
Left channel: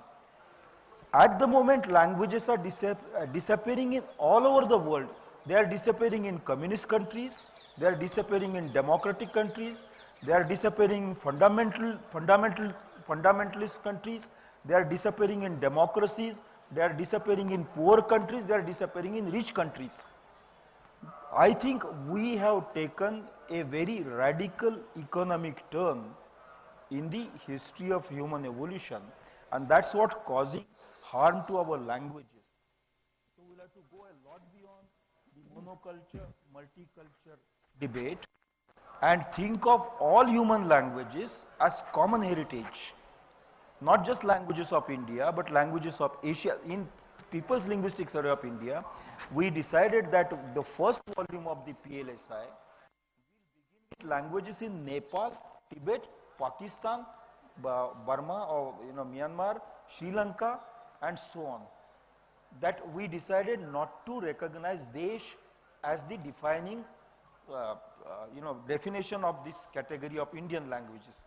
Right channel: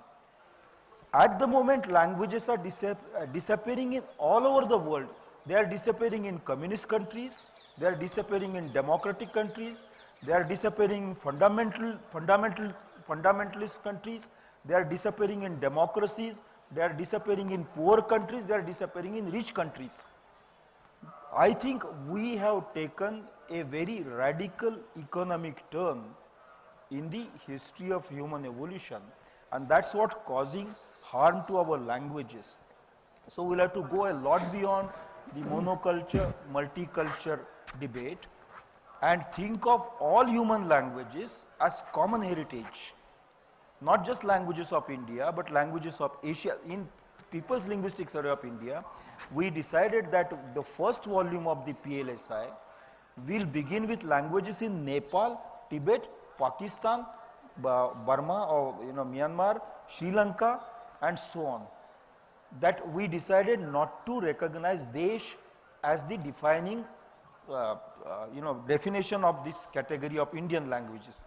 At the moment, languages are disappearing in all over the world. They are disappearing in communist countries, they are disappearing in democratic countries, they are disappearing in fundamentalist countries, they are disappearing in democracies, they are disappearing in poor countries, they are disappearing in rich countries. I think we have taken a very radical economic turn in the history of human evolution, and that's what causing harm to our languages. So we'll have to go a lot beyond the monoculture, multicultural debate and think of all human languages as common heritage. Not just languages of India, but languages of Asia. In People's Linguistic Survey of India, we decided that the first volume of the PLSI will begin with languages in Nepal, Tibet, Pakistan, Burma, or Myanmar, Sri Lanka, and so on. That we decided not to recognize Desh as the defining, definition of this category of Indian languages.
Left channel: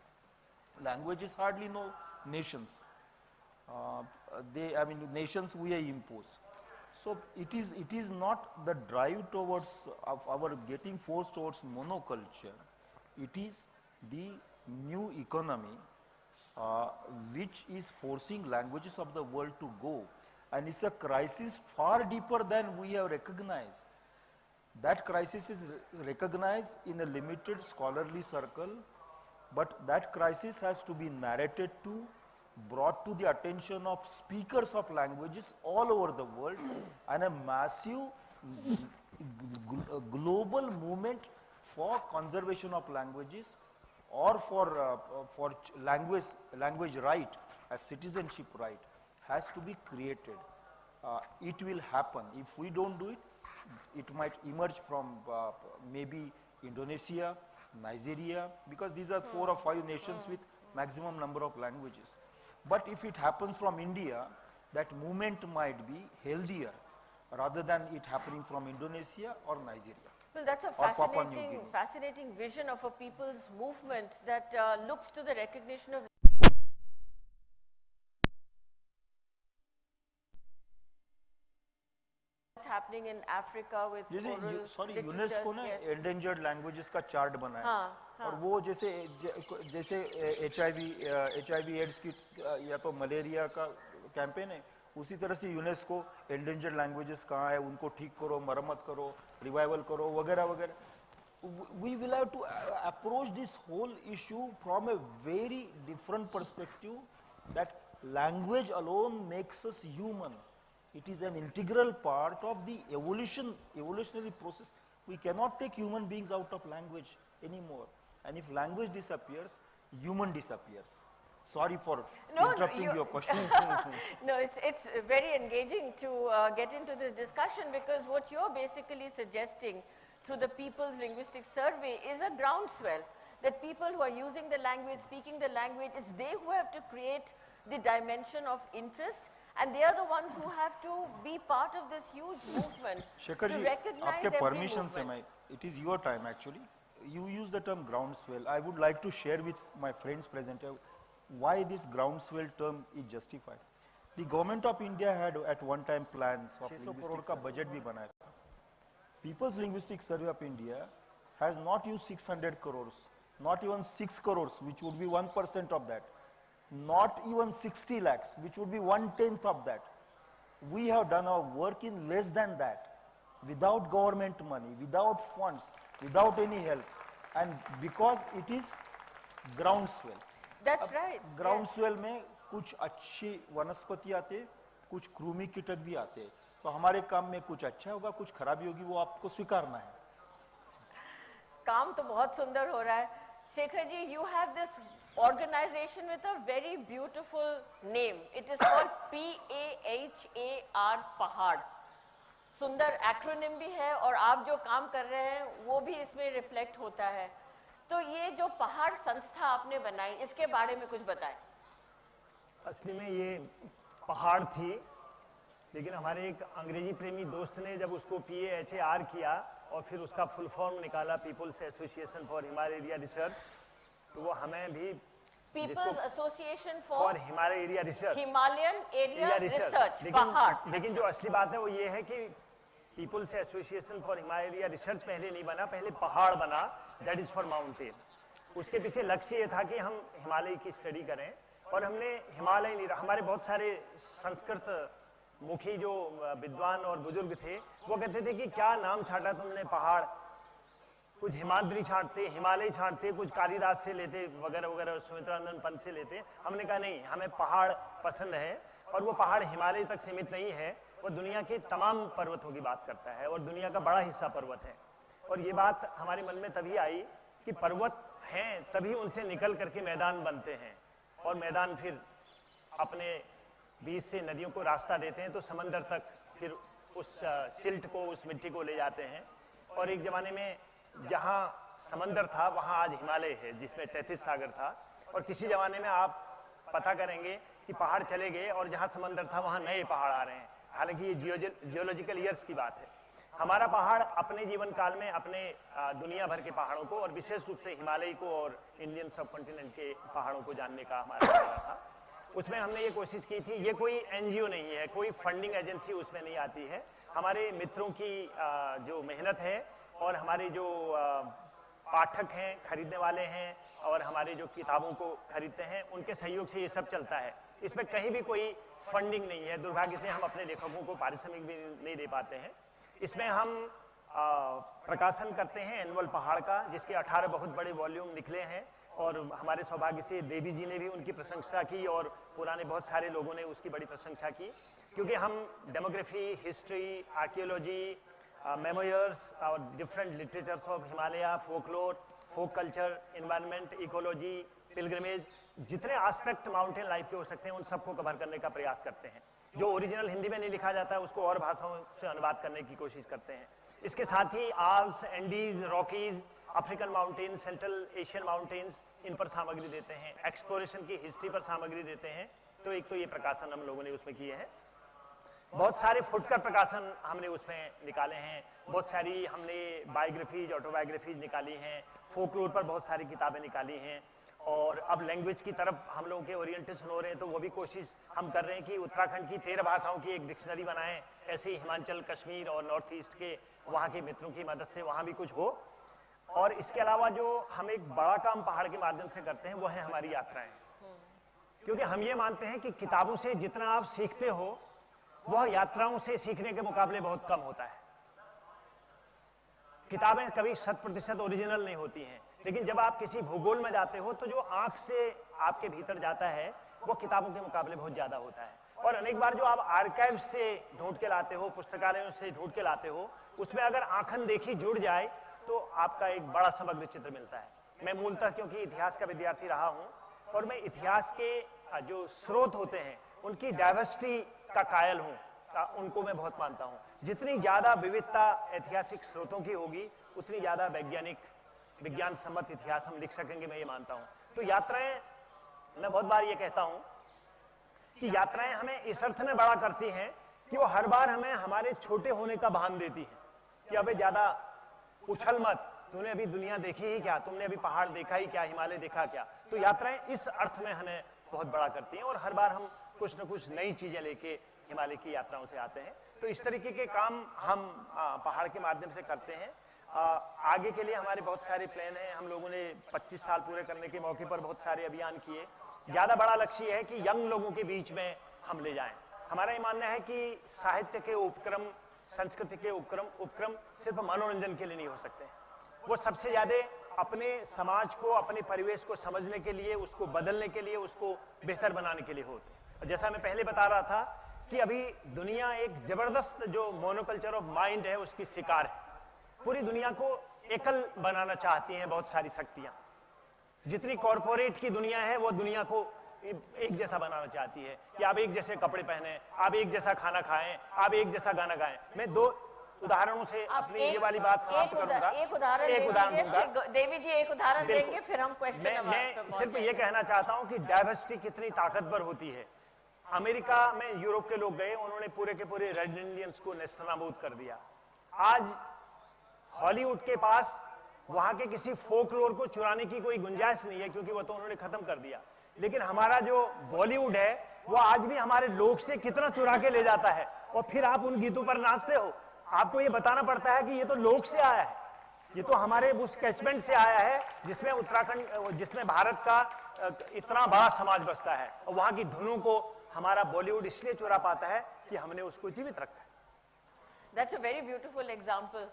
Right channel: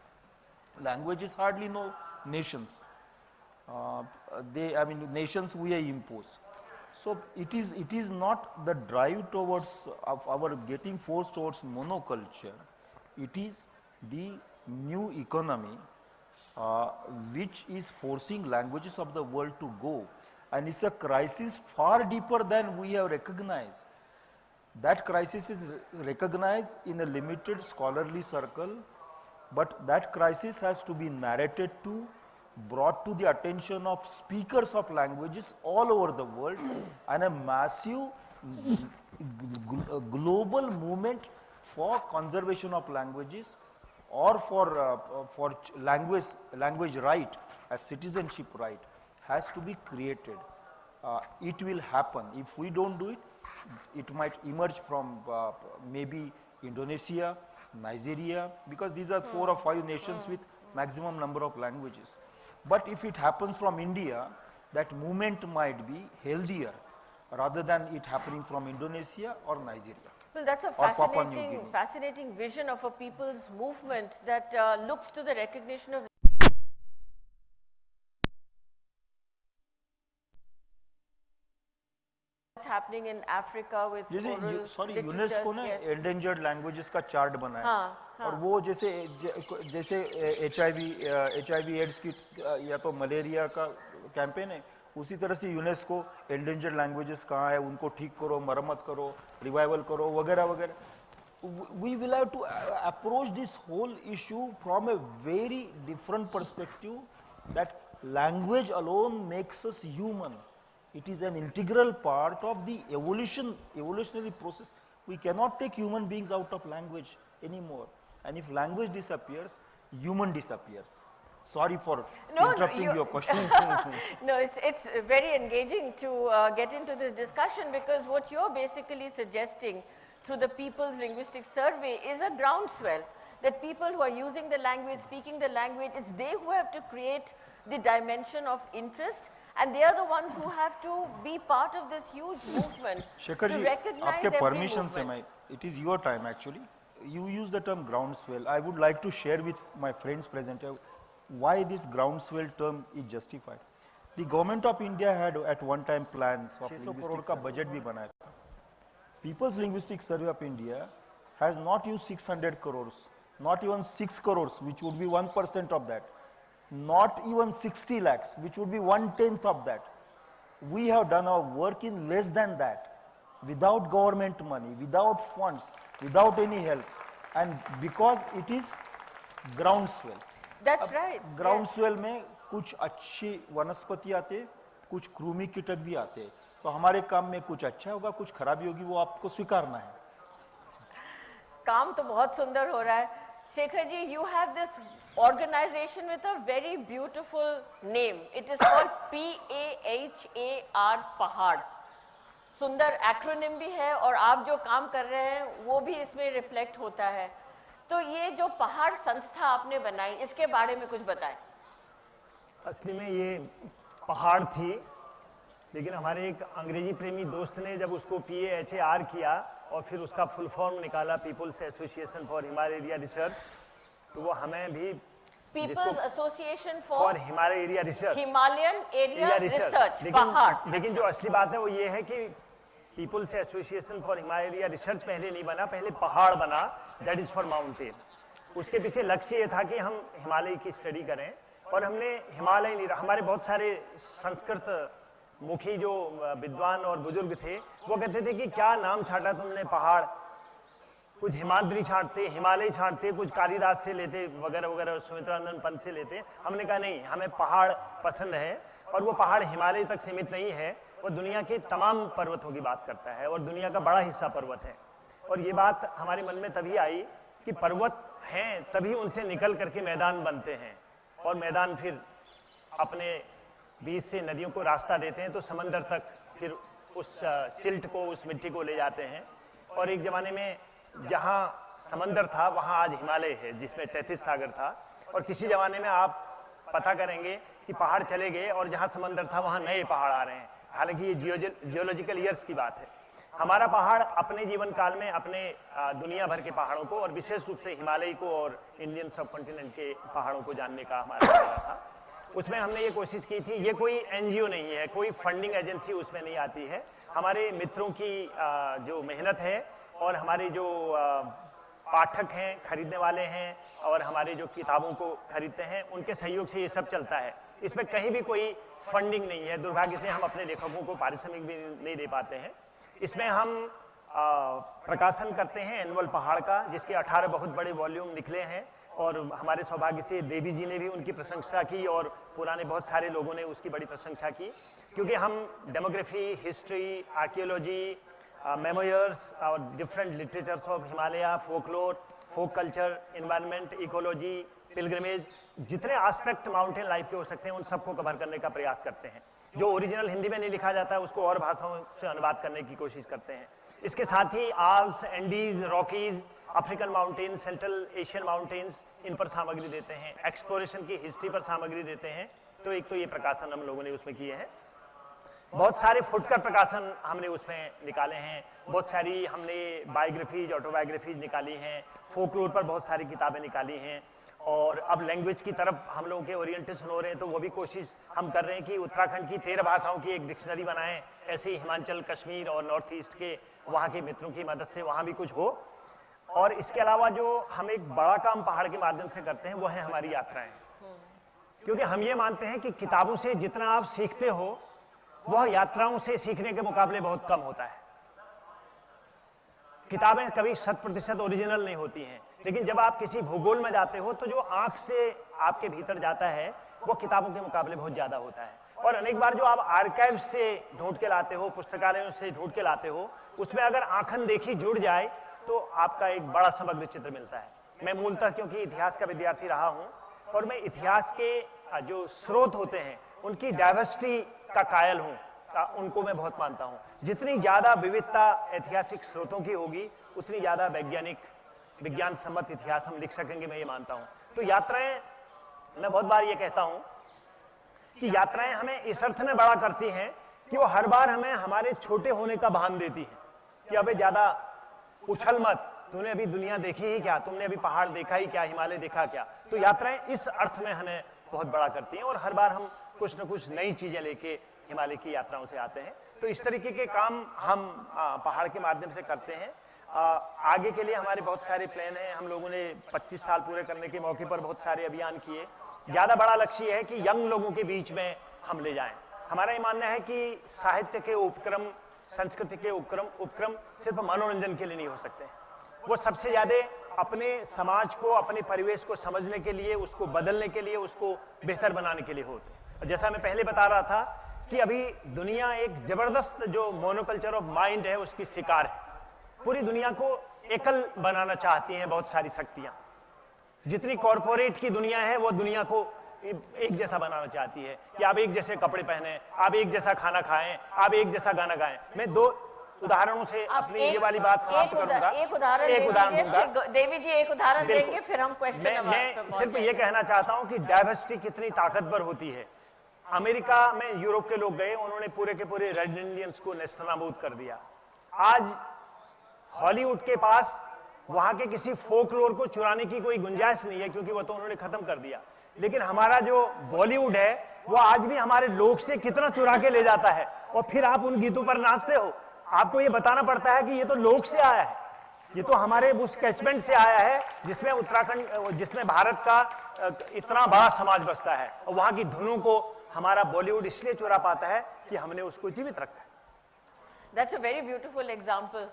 Languages hardly know nations. Nations we impose. So it is not the drive towards our getting forced towards monoculture. It is the new economy which is forcing languages of the world to go, and it's a crisis far deeper than we have recognized. That crisis is recognized in a limited scholarly circle, but that crisis has to be narrated to, brought to the attention of speakers of languages all over the world, and a massive global movement for conservation of languages, or for language right as citizenship right has to be created. It will happen. If we don't do it, it might emerge from maybe Indonesia, Nigeria, because these are 4 or 5 nations with maximum number of languages. But if it happens from India, that movement might be healthier rather than it happening from Indonesia or Nigeria. Well, that's a fascinating vision of a people's movement that looks to the recognition of what's happening in Africa with UNESCO ने endangered languages का chart बनाया और वो जैसे HIV ads की या तो malaria का कैंपेन है, उसी तरह से यूनेस्को endangered languages कहाँ है उनको ठीक करो, मरम्मत करो, रिवाइवल करो, वगैरह वगैरह. We will have to approach this whole issue from a very different perspective, that language alone makes us human. It is an integral part of the evolutionary process. We cannot take human beings out of language anymore. And if language disappears, human disappears. Sorry for interrupting your question. No, it's very engaging to get into this discussion, because what you're basically suggesting through the People's Linguistic Survey is a groundswell, that people who are using the language, speaking the language, it's they who have to create the dimension of interest, and they are the ones who have to be part of this huge movement. Shekhar ji, आपके permission से it is your time actually. You use the term groundswell. I would like to share with my friends present here why this groundswell term is justified. The government of India had at one time plans of 600 crore का budget भी बनाया था. People's Linguistic Survey of India has not used 600 crores, not even 6 crores, which would be 1% of that, not even 60 lakhs, which would be 1/10 of that. We have done our work in less than that, without government money, without funds, without any help, and because it is groundswell. That's right. ग्राउंडस्वेल में कुछ अच्छी वनस्पति आते, कुछ कृमि कीटक भी आते, तो हमारे काम में कुछ अच्छा होगा, कुछ खराबी होगी, वो आपको स्वीकारना है. काम तो बहुत सुंदर हो रहा है. Shekhar ji, you have this organization with a very beautiful name. It is called PAHAR, पहाड़. सुंदर एक्रोनिम भी है, और आप जो काम कर रहे हैं वो भी इसमें रिफ्लेक्ट होता है. तो ये जो पहाड़ संस्था आपने बनाई, इसके बारे में कुछ बताएं. असली में ये पहाड़ थी, लेकिन हमारे एक अंग्रेजी प्रेमी दोस्त ने जब उसको PAHAR किया और फिर उसका फुल फॉर्म निकाला people's association for Himalaya area research, तो वो हमें भी people's association for for Himalaya area research, Himalayan area research, पहाड़। लेकिन जो असली बात है वो ये है कि people's association for Himalaya area research पहले नहीं बना, पहले पहाड़ बना, दैट इज फॉर माउंटेन। उसके पीछे लक्ष्य ये था कि हम हिमालय की स्टडी करें, और हमने हिमालय नहीं, हमारे बहुत सारे संस्कृत मुखी जो विद्वान और बुजुर्ग थे वो कहते थे कि क्या नाम छाटा तुमने पहाड़, कुछ हिमाद्री छांटते, हिमालय छांटते, कुछ कालिदास से लेते वगैरह वगैरह, सुमित्रानंद पंत से लेते। हमने कहा नहीं, हमें पहाड़ पसंद है, और वो पहाड़ हिमालय तक सीमित नहीं है, वो दुनिया के तमाम पर्वतों की बात करता है, और दुनिया का बड़ा हिस्सा पर्वत है। और ये बात हमारे मन में तभी आई कि पर्वत हैं तभी उनसे निकल करके मैदान बनते हैं, और मैदान फिर अपने बीच से नदियों को रास्ता देते हैं, तो समंदर तक फिर उस सिल्ट को, उस मिट्टी को ले जाते हैं। और एक जमाने में जहां समंदर था वहां आज हिमालय है, जिसमें 33 सागर था। और किसी जमाने में आप पता करेंगे कि पहाड़ चले गए और जहां समंदर था वहां नए पहाड़ आ रहे हैं। हालांकि ये जियोलॉजिकल ईयर्स की बात है। हमारा पहाड़ अपने जीवन काल में अपने दुनिया भर के पहाड़ों को, और विशेष रूप से हिमालय को और इंडियन सब कॉन्टिनेंट के पहाड़ों को जानने का हमारा प्रयास था। उसमें हमने ये कोशिश की थी, ये कोई एनजीओ नहीं है, कोई फंडिंग एजेंसी उसमें नहीं आती है। हमारे मित्रों की जो मेहनत है, और हमारे जो पाठक हैं, खरीदने वाले हैं, और हमारे जो किताबों को खरीदते हैं, उनके सहयोग से ये सब चलता है। इसमें कहीं भी कोई फंडिंग नहीं है। दुर्भाग्य से हम अपने लेखकों को पारिश्रमिक भी नहीं दे पाते हैं। इसमें हम प्रकाशन करते हैं एनुअल पहाड़ का, जिसके 18 बहुत बड़े वॉल्यूम निकले हैं, और हमारे सौभाग्य से देवी जी ने भी उनकी प्रशंसा की, और पुराने बहुत सारे लोगों ने उसकी बड़ी प्रशंसा की, क्योंकि हम डेमोग्राफी, हिस्ट्री, आर्कियोलॉजी, मेमोयर्स और different literatures of Himalaya, folklore, folk culture, environment, ecology, pilgrimage, जितने एस्पेक्ट माउंटेन लाइफ के हो सकते हैं उन सबको कवर करने का प्रयास करते हैं। जो ओरिजिनल हिंदी में नहीं लिखा जाता है उसको और भाषाओं से अनुवाद करने की कोशिश करते हैं। इसके साथ ही Alps, Andes, Rockies, African mountain, central Asian mountains, इन पर सामग्री देते हैं। एक्सप्लोरेशन की हिस्ट्री पर सामग्री देते हैं। तो एक तो ये प्रकाशन हम लोगों ने उसमें किए हैं। बहुत सारे फुटकर प्रकाशन हमने उसमें निकाले हैं। बहुत सारी हमने बायोग्राफीज, ऑटोबायोग्राफीज निकाली हैं। फोकलोर पर बहुत सारी किताबें निकाली हैं। और अब लैंग्वेज की तरफ हम लोगों के ओरिएंटेशन हो रहे हैं, तो वो भी कोशिश हम कर रहे हैं कि उत्तराखंड की 13 भाषाओं की एक डिक्शनरी बनाएं। ऐसे ही हिमाचल, कश्मीर और नॉर्थ ईस्ट के वहाँ के मित्रों की मदद से वहाँ भी कुछ हो। और इसके अलावा जो हम एक बड़ा काम पहाड़ के माध्यम से करते हैं वो है हमारी यात्राएं। क्योंकि हम ये मानते हैं कि किताबों से जितना आप सीखते हो वह यात्राओं से सीखने के मुकाबले बहुत कम होता है। किताबें कभी 100% ओरिजिनल नहीं होती हैं, लेकिन जब आप किसी भूगोल में जाते हो तो जो आंख से आपके भीतर जाता है वो किताबों के मुकाबले बहुत ज्यादा होता है। और अनेक बार जो आप आर्काइव से ढूंढ के लाते हो, पुस्तकालयों से ढूंढ के लाते हो, उसमें अगर आंखन देखी जुड़ जाए तो आपका एक बड़ा समग्र चित्र मिलता है। मैं मूलतः क्योंकि इतिहास का विद्यार्थी रहा हूं, और मैं इतिहास के जो स्रोत होते हैं उनकी डाइवर्सिटी का कायल हूं, उनको मैं बहुत मानता हूं। जितनी ज्यादा विविधता ऐतिहासिक स्रोतों की होगी उतनी ज्यादा वैज्ञानिक, विज्ञान सम्मत इतिहास हम लिख सकेंगे, मैं ये मानता हूं। तो यात्राएं, मैं बहुत बार ये कहता हूं कि यात्राएं हमें इस अर्थ में बड़ा करती हैं कि वो हर बार हमें हमारे छोटे होने का भान देती है कि अबे ज्यादा उछल मत, तूने अभी दुनिया देखी ही क्या, तुमने अभी पहाड़ देखा ही क्या, हिमालय देखा क्या। तो यात्राएं इस अर्थ में हमें बहुत बड़ा करती हैं, और हर बार हम कुछ न कुछ नई चीजें लेके हिमालय की यात्राओं से आते हैं। तो इस तरीके के काम हम पहाड़ के माध्यम से करते हैं। आगे के लिए हमारे बहुत सारे प्लान हैं। हम लोगों ने 25 साल पूरे करने के मौके पर बहुत सारे अभियान किए। ज्यादा बड़ा लक्ष्य है कि यंग लोगों के बीच में हम ले जाएं। हमारा ये मानना है कि साहित्य के उपक्रम, संस्कृति के उपक्रम सिर्फ मनोरंजन के लिए नहीं हो सकते। वो सबसे ज्यादा अपने समाज को, अपने परिवेश को समझने के लिए, उसको बदलने के लिए, उसको बेहतर बनाने के लिए होते। जैसा मैं पहले बता रहा था कि अभी दुनिया एक जबरदस्त जो मोनोकल्चर ऑफ माइंड है उसकी शिकार है। पूरी दुनिया को एकल बनाना चाहती हैं बहुत सारी शक्तियां। जितनी कॉरपोरेट की दुनिया है वो दुनिया को एक जैसा बनाना चाहती है कि आप एक जैसे कपड़े पहने, आप एक जैसा खाना खाएं, आप एक जैसा गाना गाएं। मैं 2 उदाहरणों से अपनी ये वाली बात समाप्त करूंगा। एक उदाहरण दूंगा। देवी जी एक उदाहरण देंगे, फिर हम क्वेश्चन। मैं सिर्फ ये कहना चाहता हूं कि डाइवर्सिटी कितनी ताकतवर होती है। अमेरिका में यूरोप के लोग गए, उन्होंने पूरे के पूरे रेड इंडियंस को नेस्तनाबूद कर दिया। आज हॉलीवुड के पास वहां के किसी फोकलोर को चुराने की कोई गुंजाइश नहीं है, क्योंकि वो तो उन्होंने खत्म कर दिया। लेकिन हमारा जो बॉलीवुड है वो आज भी हमारे लोग से कितना चुरा के ले जाता है, और फिर आप उन गीतों पर नाचते हो। आपको ये बताना पड़ता है कि ये तो लोग से आया है, ये तो हमारे उस कैचमेंट से आया है जिसमें उत्तराखंड, जिसमें भारत का इतना बड़ा समाज बसता है, और वहां की धुनों को हमारा बॉलीवुड इसलिए चुरा पाता है कि हमने उसको जीवित रखा है। That's a very beautiful example.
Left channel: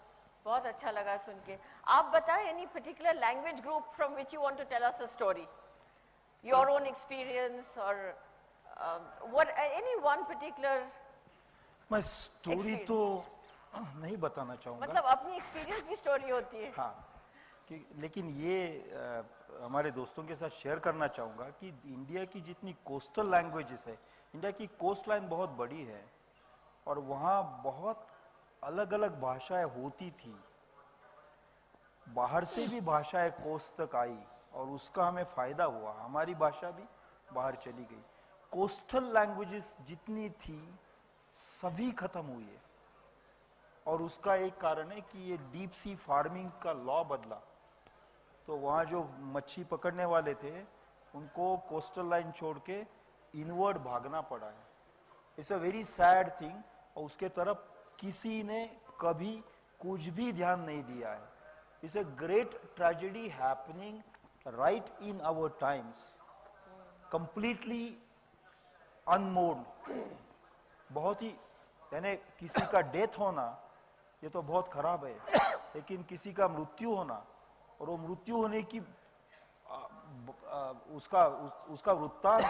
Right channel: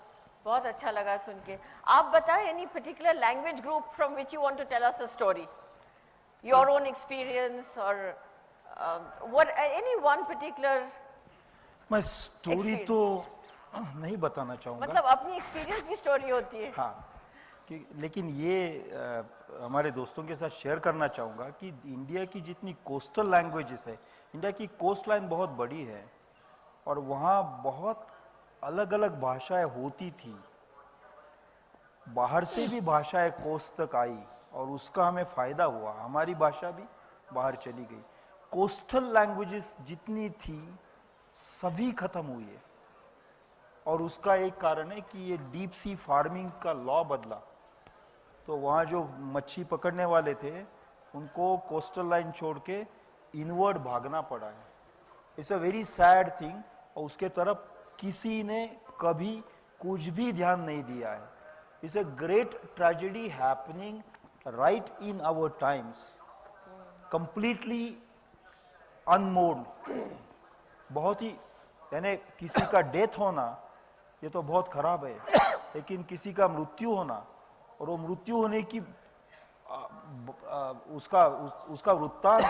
बहुत अच्छा लगा सुन के। आप बताएं, any particular language group from which you want to tell us a story, your own experience or what any one particular मैं स्टोरी तो नहीं बताना चाहूंगा, मतलब अपनी एक्सपीरियंस की स्टोरी होती है। हाँ, लेकिन ये हमारे दोस्तों के साथ शेयर करना चाहूंगा कि इंडिया की जितनी कोस्टल लैंग्वेजेस है, इंडिया की कोस्ट लाइन बहुत बड़ी है और वहाँ बहुत अलग अलग भाषाएं होती थी। बाहर से भी भाषाएं कोस्ट तक आई और उसका हमें फायदा हुआ, हमारी भाषा भी बाहर चली गई। कोस्टल लैंग्वेजेस जितनी थी सभी खत्म हुई है, और उसका एक कारण है कि ये डीप सी फार्मिंग का लॉ बदला। तो वहाँ जो मच्छी पकड़ने वाले थे उनको कोस्टल लाइन छोड़ के इनवर्ड भागना पड़ा है। It's a very sad thing, और उसके तरफ किसी ने कभी कुछ भी ध्यान नहीं दिया है। It's a great tragedy happening right in our times, completely unmoored. बहुत ही, यानी किसी का डेथ होना ये तो बहुत खराब है, लेकिन किसी का मृत्यु होना और वो मृत्यु होने की उसका वृत्तांत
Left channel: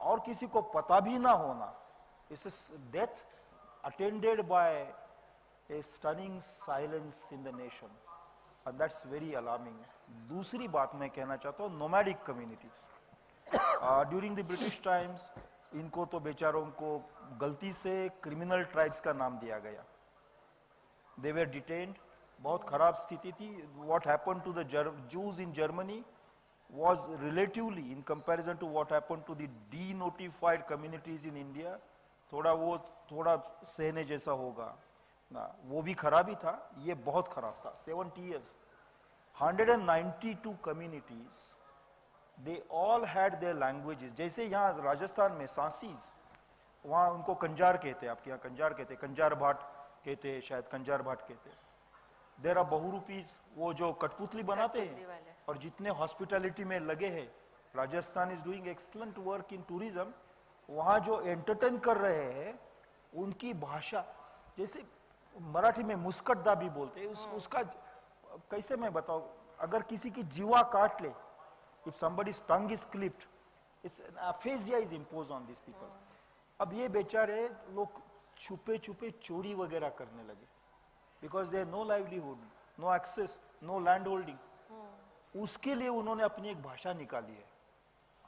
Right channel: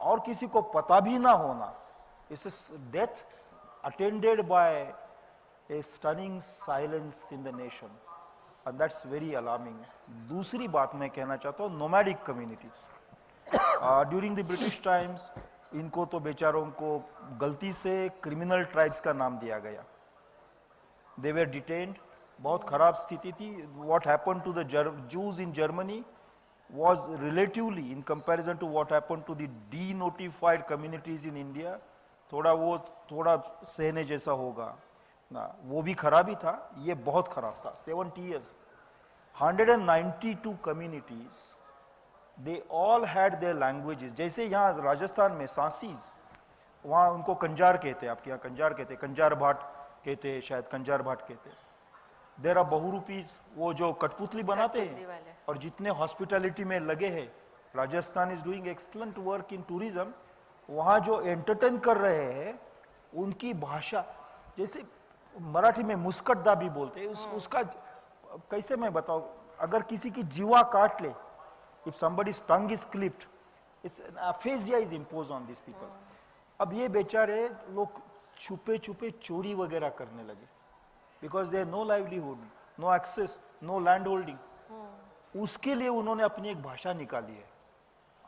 और किसी को पता भी ना होना, इस death attended by a stunning silence in the nation, and that's very alarming. दूसरी बात मैं कहना चाहता हूँ, nomadic communities. During the British times, इनको तो बेचारों को गलती से criminal tribes का नाम दिया गया। They were detained, बहुत खराब स्थिति थी। What happened to the Jews in Germany was relatively, in comparison to what happened to the denotified communities in India, थोड़ा सहने जैसा होगा ना, वो भी खराबी था, ये बहुत खराब था। 70 years, 192 communities, they all had their languages। जैसे यहाँ राजस्थान में सांसीज, वहाँ उनको कंजार कहते हैं, आपके यहाँ कंजार कहते हैं, कंजार भाट कहते हैं, शायद कंजार भाट कहते हैं। देयर आर बहुरूपीज, वो जो कठपुतली बनाते हैं और जितने हॉस्पिटैलिटी में लगे हैं। Rajasthan is doing excellent work in tourism. वहाँ जो एंटरटेन कर रहे हैं उनकी भाषा, जैसे मराठी में मुस्कटदा भी बोलते हैं, उसका कैसे मैं बताऊं, अगर किसी की जीवा काट ले, if somebody's tongue is clipped, it's aphasia is imposed on these people। अब ये बेचारे लोग छुपे छुपे चोरी वगैरह करने लगे, because they no livelihood, no access, no land holding. उसके लिए उन्होंने अपनी एक भाषा निकाली है।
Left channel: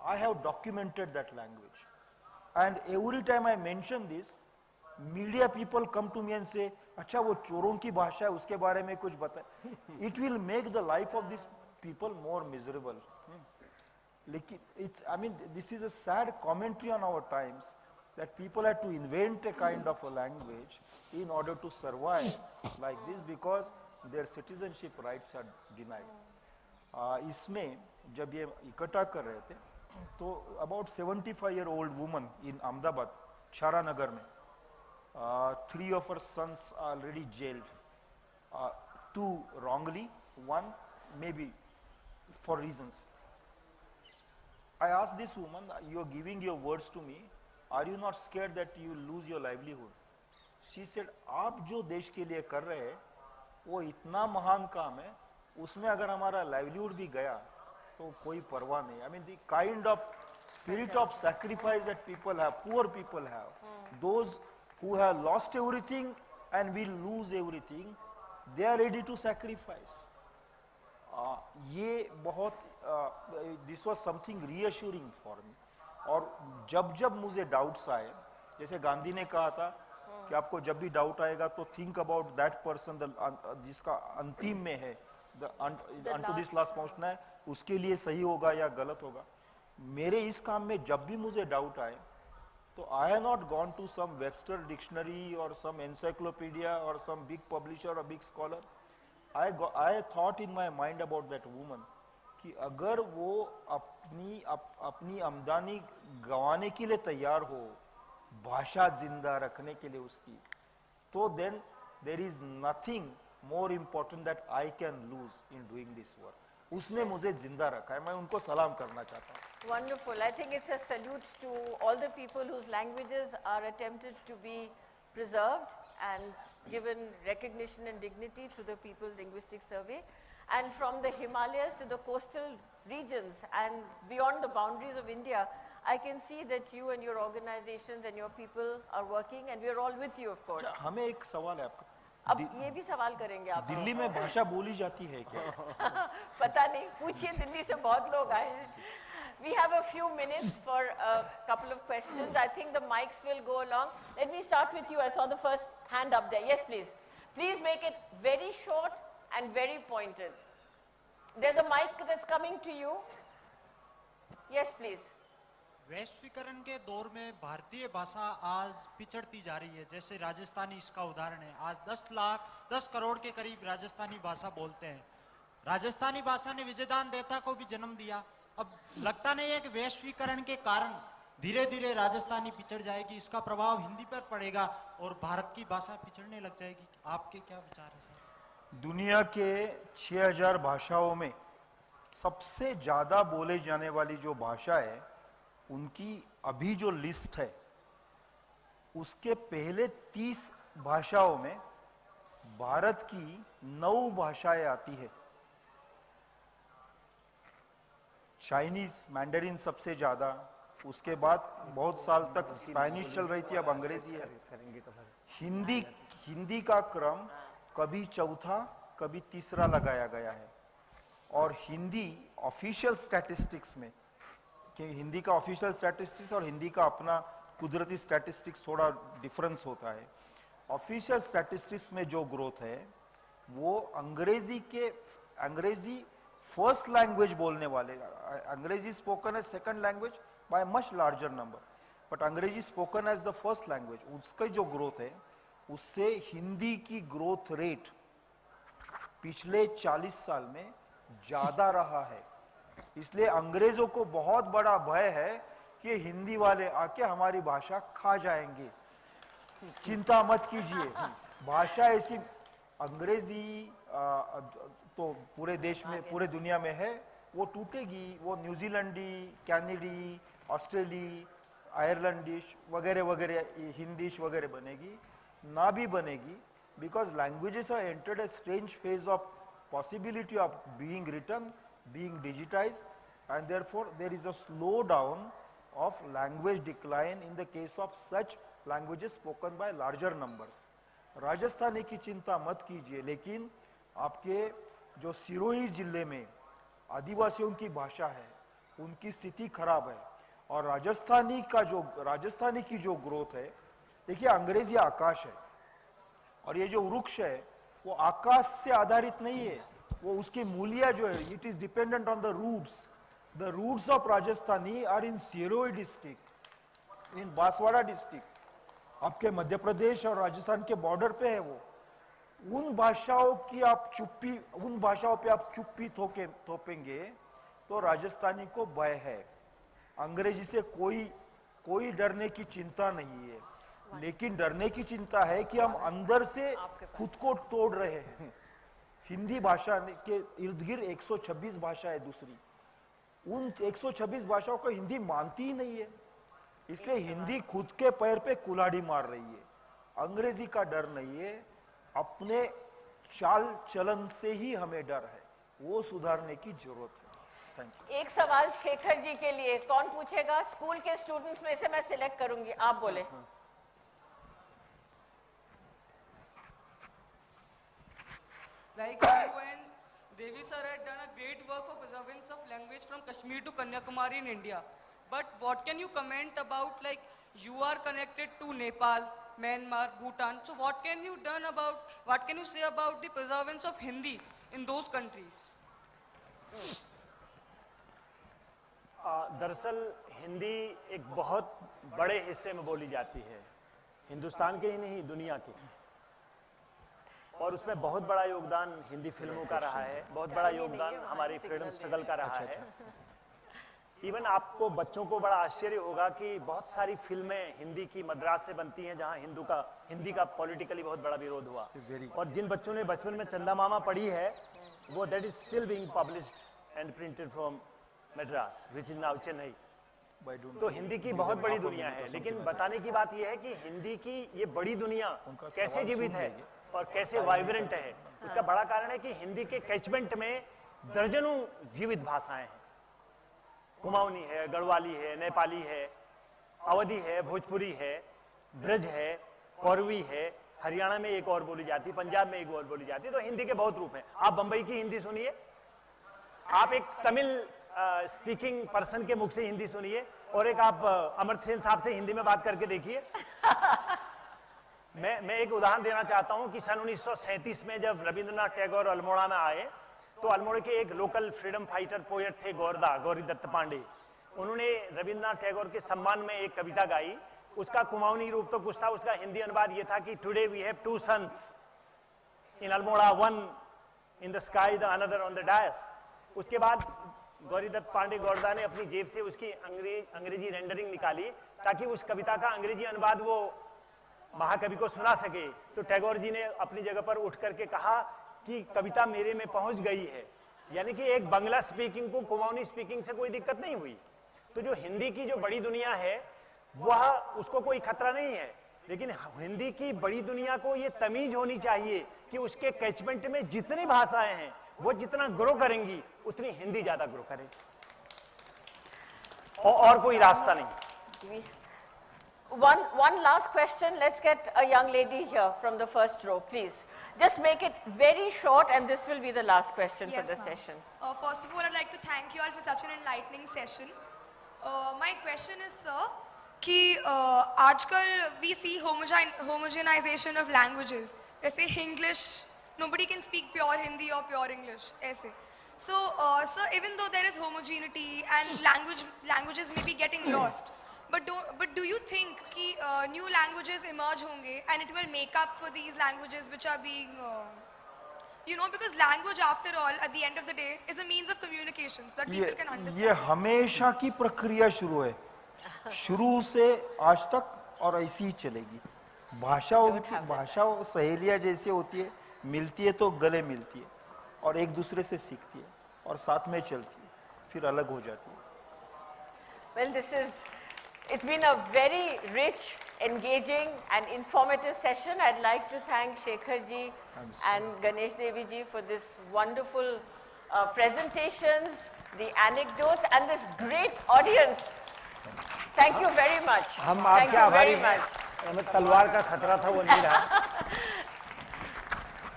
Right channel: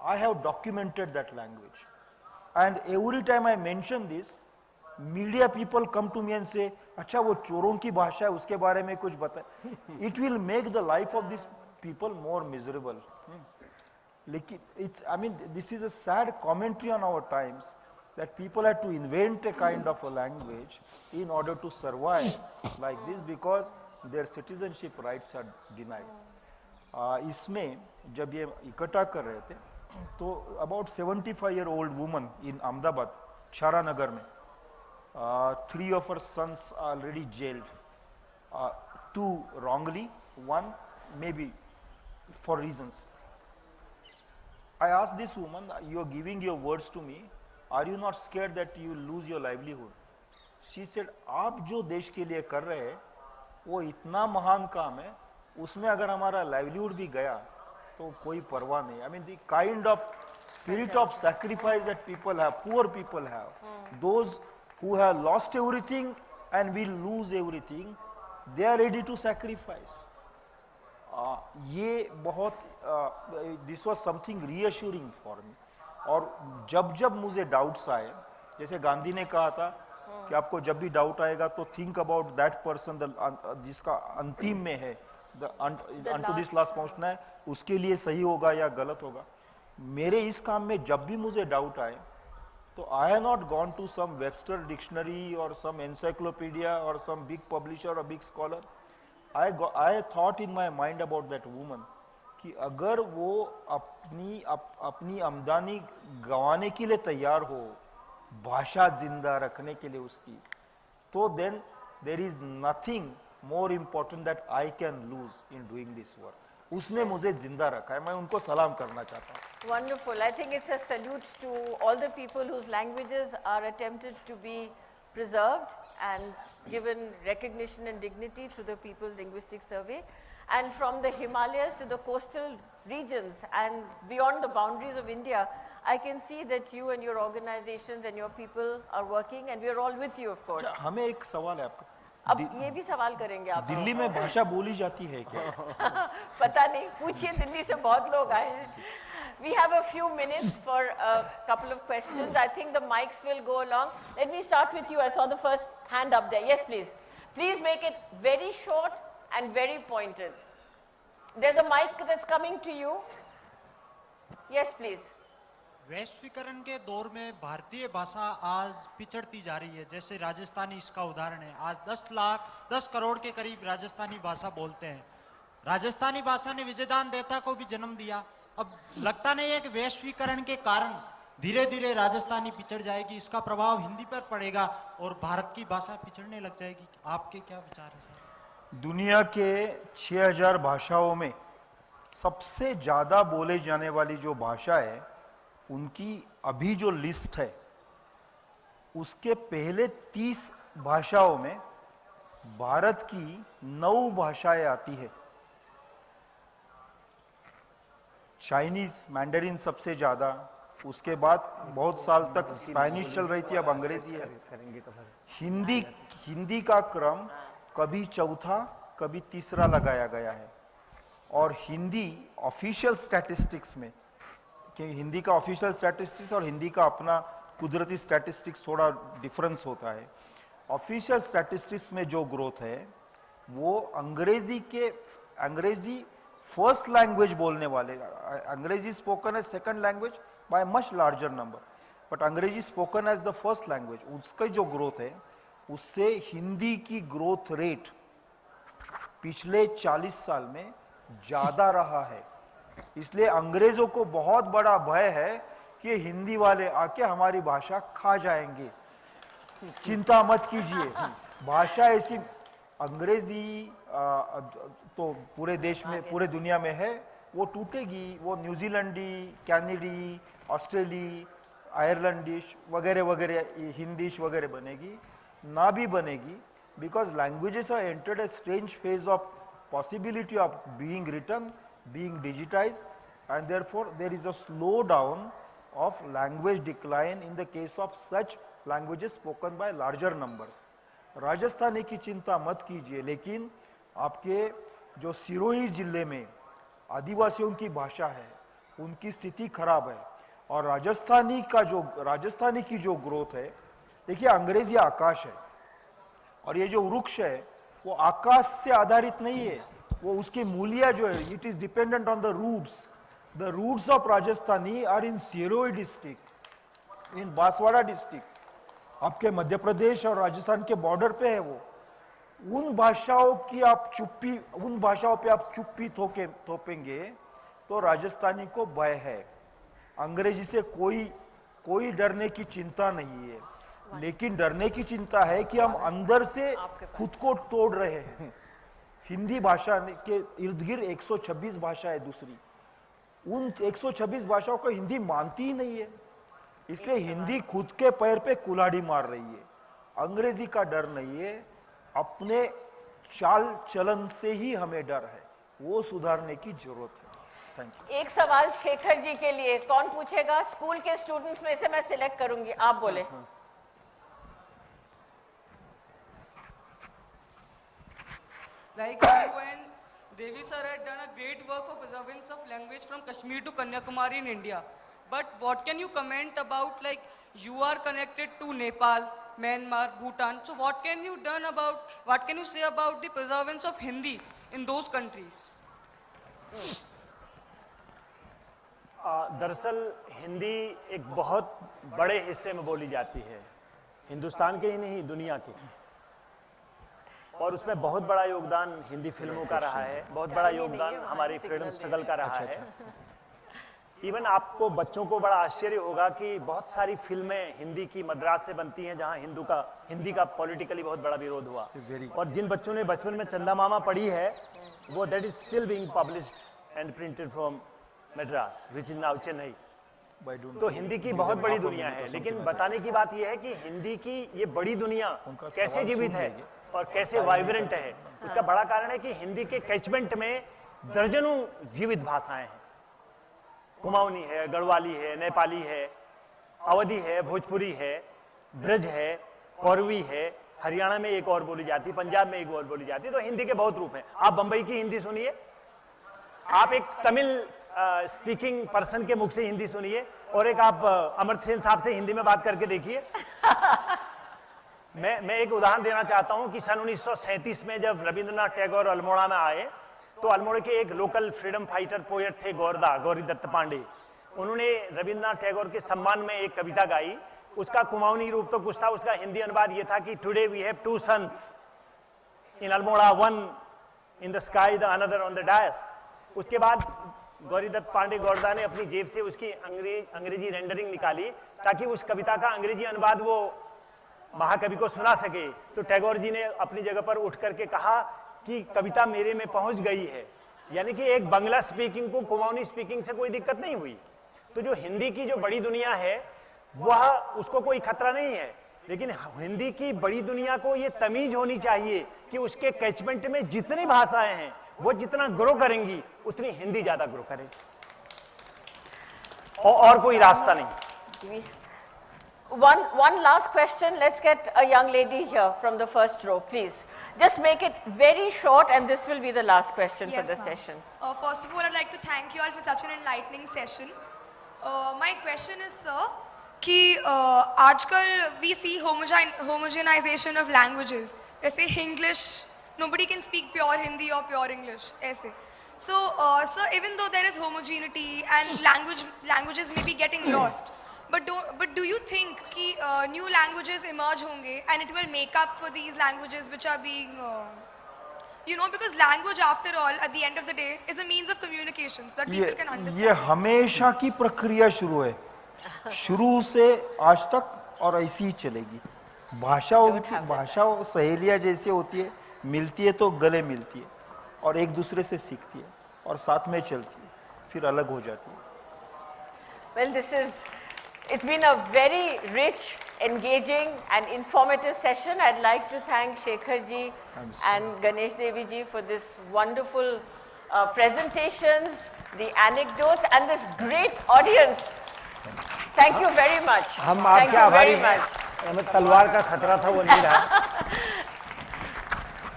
I have documented that language, and every time I mention this, media people come to me and say, अच्छा वो चोरों की भाषा है, उसके बारे में कुछ बताए। It will make the life of this people more miserable. लेकिन it's, I mean, this is a sad commentary on our times, that people had to invent a kind of a language in order to survive like this, because their citizenship rights are denied। इसमें जब ये इकट्ठा कर रहे थे तो about 75-year-old woman in Ahmedabad, Chara Nagar में, 3 of her sons are already jailed, 2 wrongly, 1 maybe for reasons। I asked this woman, you are giving your words to me, are you not scared that you lose your livelihood? She said, आप जो देश के लिए कर रहे हैं वो इतना महान काम है, उसमें अगर हमारा लाइवलीहुड भी गया तो कोई परवाह नहीं। I mean, the kind of spirit of sacrifice that people have, poor people have, those who have lost everything and will lose everything, they are ready to sacrifice। ये बहुत, this was something reassuring for me। और जब जब मुझे doubts आए, जैसे गांधी ने कहा था कि आपको जब भी डाउट आएगा तो थिंक अबाउट दैट पर्सन जिसका अंतिम में है, अनटू दिस लास्ट पहुंचना है, उसके लिए सही होगा या गलत होगा। मेरे इस काम में जब भी मुझे डाउट आए तो I have not gone to some Webster dictionary और सम एनसाइक्लोपीडिया और सम बिग पब्लिशर और big scholar. I thought in my mind about that woman कि अगर वो अपनी आमदनी गंवाने के लिए तैयार हो भाषा जिंदा रखने के लिए उसकी, तो then there is nothing more important that I can lose in doing this work. उसने मुझे जिंदा रखा है, मैं उनको सलाम करना चाहता हूँ. Wonderful. I think it's a salute to all the people whose languages are attempted to be preserved and given recognition and dignity through the People's Linguistic Survey. And from the Himalayas to the coastal regions and beyond the boundaries of India, I can see that you and your organizations and your people are working, and we are all with you, of course. हमें एक सवाल है आपका. अब ये भी सवाल करेंगे आप. दिल्ली में भाषा बोली जाती है क्या? पता नहीं, पूछिए, दिल्ली से बहुत लोग आए हैं. We have a few minutes for a couple of questions. I think the mics will go along. Let me start with you. I saw the first hand up there. Yes, please. Please make it very short and very pointed. There's a mic that's coming to you. Yes, please. वैश्वीकरण के दौर में भारतीय भाषा आज पिछड़ती जा रही है. जैसे राजस्थानी इसका उदाहरण है. आज 10 करोड़ के करीब राजस्थानी भाषा बोलते हैं. राजस्थानी भाषा ने विजयदान देवता को भी जन्म दिया. अब लगता नहीं है कि वैश्वीकरण के कारण धीरे धीरे राजस्थानी पिछड़ जाएगी, इसका प्रभाव हिंदी पर पड़ेगा और भारत की भाषा पिछड़ने लग जाएगी. आपके क्या विचार है? दुनिया के 6000 भाषाओं में सबसे ज्यादा बोले जाने वाली जो भाषा है, उनकी अभी जो लिस्ट है, उसके पहले 30 भाषाओं में भारत की 9 भाषाएं आती है. चाइनीज मैंडरिन सबसे ज्यादा, उसके बाद बहुत साल तक स्पेनिश चल रही थी, अब अंग्रेजी है. हिंदी का क्रम कभी चौथा कभी तीसरा लगाया गया है. और हिंदी ऑफिशियल स्टैटिस्टिक्स में, कि हिंदी का ऑफिशियल स्टैटिस्टिक्स और हिंदी का अपना कुदरती स्टैटिस्टिक्स थोड़ा डिफरेंस होता है. ऑफिशियल स्टैटिस्टिक्स में जो ग्रोथ है वो अंग्रेजी फर्स्ट लैंग्वेज बोलने वाले, अंग्रेजी spoken as second language by much larger number, but अंग्रेजी spoken as the first language, उसका जो ग्रोथ है उससे हिंदी की ग्रोथ रेट पिछले 40 साल में ज्यादा रहा है. इसलिए अंग्रेजों को बहुत बड़ा भय है कि हिंदी वाले आके हमारी भाषा खा जाएंगे. चिंता मत कीजिए, भाषा ऐसी, अंग्रेजी तो पूरे देश में, पूरे दुनिया में है, वो टूटेगी. वो न्यूजीलैंडी, कैनेडी, ऑस्ट्रेली, आयरलैंडिश वगैरह वगैरह, हिंदीश वगैरह बनेगी, ना भी बनेगी, because languages are entered a strange phase of possibility of being written, being digitized, and therefore there is a slowdown of language decline in the case of such languages spoken by larger numbers. Rajasthani की चिंता मत कीजिए, लेकिन आपके जो सिरोही जिले में आदिवासियों की भाषा है उनकी स्थिति खराब है. और राजस्थानी की जो ग्रोथ है, देखिए अंग्रेजी आकाश है और ये जो वृक्ष है वो आकाश से आधारित नहीं है, वो उसके मूल्य जो है, it is dependent on the roots. The roots of Rajasthani are in Sirohi district, in Banswara district, आपके मध्य प्रदेश और राजस्थान के बॉर्डर पे है वो. उन भाषाओं पे आप चुप्पी थोपेंगे तो राजस्थानी को भय है. अंग्रेजी से कोई डरने की चिंता नहीं है, लेकिन डरने की चिंता है कि हम अंदर से खुद को तोड़ रहे हैं. हिंदी भाषा के इर्द गिर्द 126 भाषा है दूसरी, उन 126 भाषाओं को हिंदी मानती ही नहीं है, इसलिए हिंदी खुद के पैर पे कुल्हाड़ी मार रही है. अंग्रेजी का डर नहीं है, अपने चाल चलन से ही हमें डर है, वो सुधारने की जरूरत है. Thank you. एक सवाल शेखर जी के लिए, कौन पूछेगा? स्कूल के स्टूडेंट्स में से मैं सिलेक्ट करूंगी, आप बोले. Like you and Devi sir had done a great work for preservance of language from Kashmir to Kanyakumari in India. But what can you comment about, like, you are connected to Nepal, Myanmar, Bhutan. So what can you say about the preservance of Hindi in those countries? दरअसल हिंदी एक बहुत बड़े हिस्से में बोली जाती है, हिंदुस्तान के ही नहीं दुनिया के. और उसमें बहुत बड़ा योगदान हिंदी फिल्मों का रहा है, बहुत बड़ा योगदान हमारे फ्रीडम स्ट्रगल का रहा है। इवन आपको बच्चों को बड़ा आश्चर्य होगा कि बहुत सारी फिल्में हिंदी की मद्रास से बनती हैं जहां हिंदी का पॉलिटिकली बहुत बड़ा विरोध हुआ। और जिन बच्चों ने बचपन में चंदा मामा पढ़ी है वो that is still being published and printed from Madras which is now Chennai. तो हिंदी की बहुत बड़ी दुनिया है, लेकिन बताने की बात यह है कि हिंदी की ये बड़ी दुनिया कैसे जीवित है और कैसे वाइब्रेंट है। उसका बड़ा कारण है कि हिंदी के कैचमेंट में दर्जनों जीवित भाषाएं हैं। कुमाऊनी है, गढ़वाली है, नेपाली है, अवधी है, भोजपुरी है, ब्रज है, कौरवी है, हरियाणा में एक और बोली जाती, पंजाब में एक और बोली जाती। तो हिंदी के बहुत रूप हैं। आप बंबई की हिंदी सुनिए, आप एक तमिल स्पीकिंग पर्सन के मुख से हिंदी सुनिए, और एक आप अमर्त्य सेन साहब से हिंदी में बात करके देखिए। मैं एक उदाहरण देना चाहता हूं कि सन 1937 में जब रविंद्रनाथ टैगोर अल्मोड़ा में आए तो अल्मोड़ा के एक लोकल फ्रीडम फाइटर पोएट थे गौरी दत्त पांडे। उन्होंने रविंद्रनाथ टैगोर के सम्मान में एक कविता गाई। उसका कुमाऊनी रूप तो कुछ था, उसका हिंदी अनुवाद ये था कि today we have two suns in Almora, one in the sky the another on the dais. उसके बाद गौरी दत्त पांडे गौरदा ने अपनी जेब से उसकी अंग्रेजी रेंडरिंग निकाली ताकि उस कविता का अंग्रेजी अनुवाद वो महाकवि को सुना सके। तो टैगोर जी ने अपनी जगह पर उठ करके कहा कि कविता मेरे में पहुंच गई है, यानी कि एक बंगला स्पीकिंग को कुमाऊनी स्पीकिंग से कोई दिक्कत नहीं हुई। तो जो हिंदी की जो बड़ी दुनिया है वह उसको कोई खतरा नहीं है, लेकिन हिंदी की बड़ी दुनिया को ये तमीज होनी चाहिए कि उसके कैचमेंट में जितनी भाषाएं हैं वो जितना ग्रो करेंगी उतनी हिंदी ज्यादा ग्रो करेगी, और कोई रास्ता नहीं। One last question. Let's get a young lady here from the first row, please. Just make it very short, and this will be the last question for the session. First of all, I'd like to thank you all for such an enlightening session. My question is, sir, कि आजकल we see homogenization of languages. जैसे English, nobody can speak pure Hindi or pure English. ऐसे. So, sir, even though there is homogeneity and languages may be getting lost, but do you think कि new languages emerge होंगे and it will make up for these languages which are being because language after all at the end of the day is a means of communication so that people can understand. ये हमेशा की प्रक्रिया शुरू है, शुरू से आज तक, और ऐसी ही चलेगी। भाषा सहेलियां जैसे होती है, मिलती है तो गले मिलती है और एक दूसरे से सीखती है और साथ में चलती है, फिर अलग हो जाती है। Well, it's been a very rich, engaging and informative session. I'd like to thank Shekhar ji and Ganesh Devi ji for this wonderful presentations, the anecdotes and this great audience. Thank you very much. हम आपके आभारी हैं। हमें तलवार का खतरा था, वो नहीं रहा।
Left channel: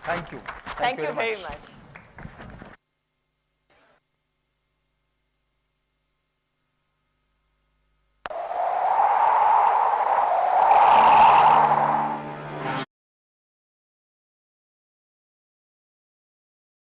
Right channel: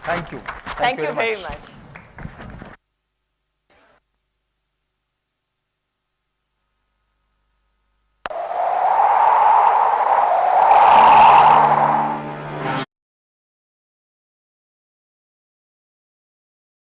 Thank you. Thank you very much.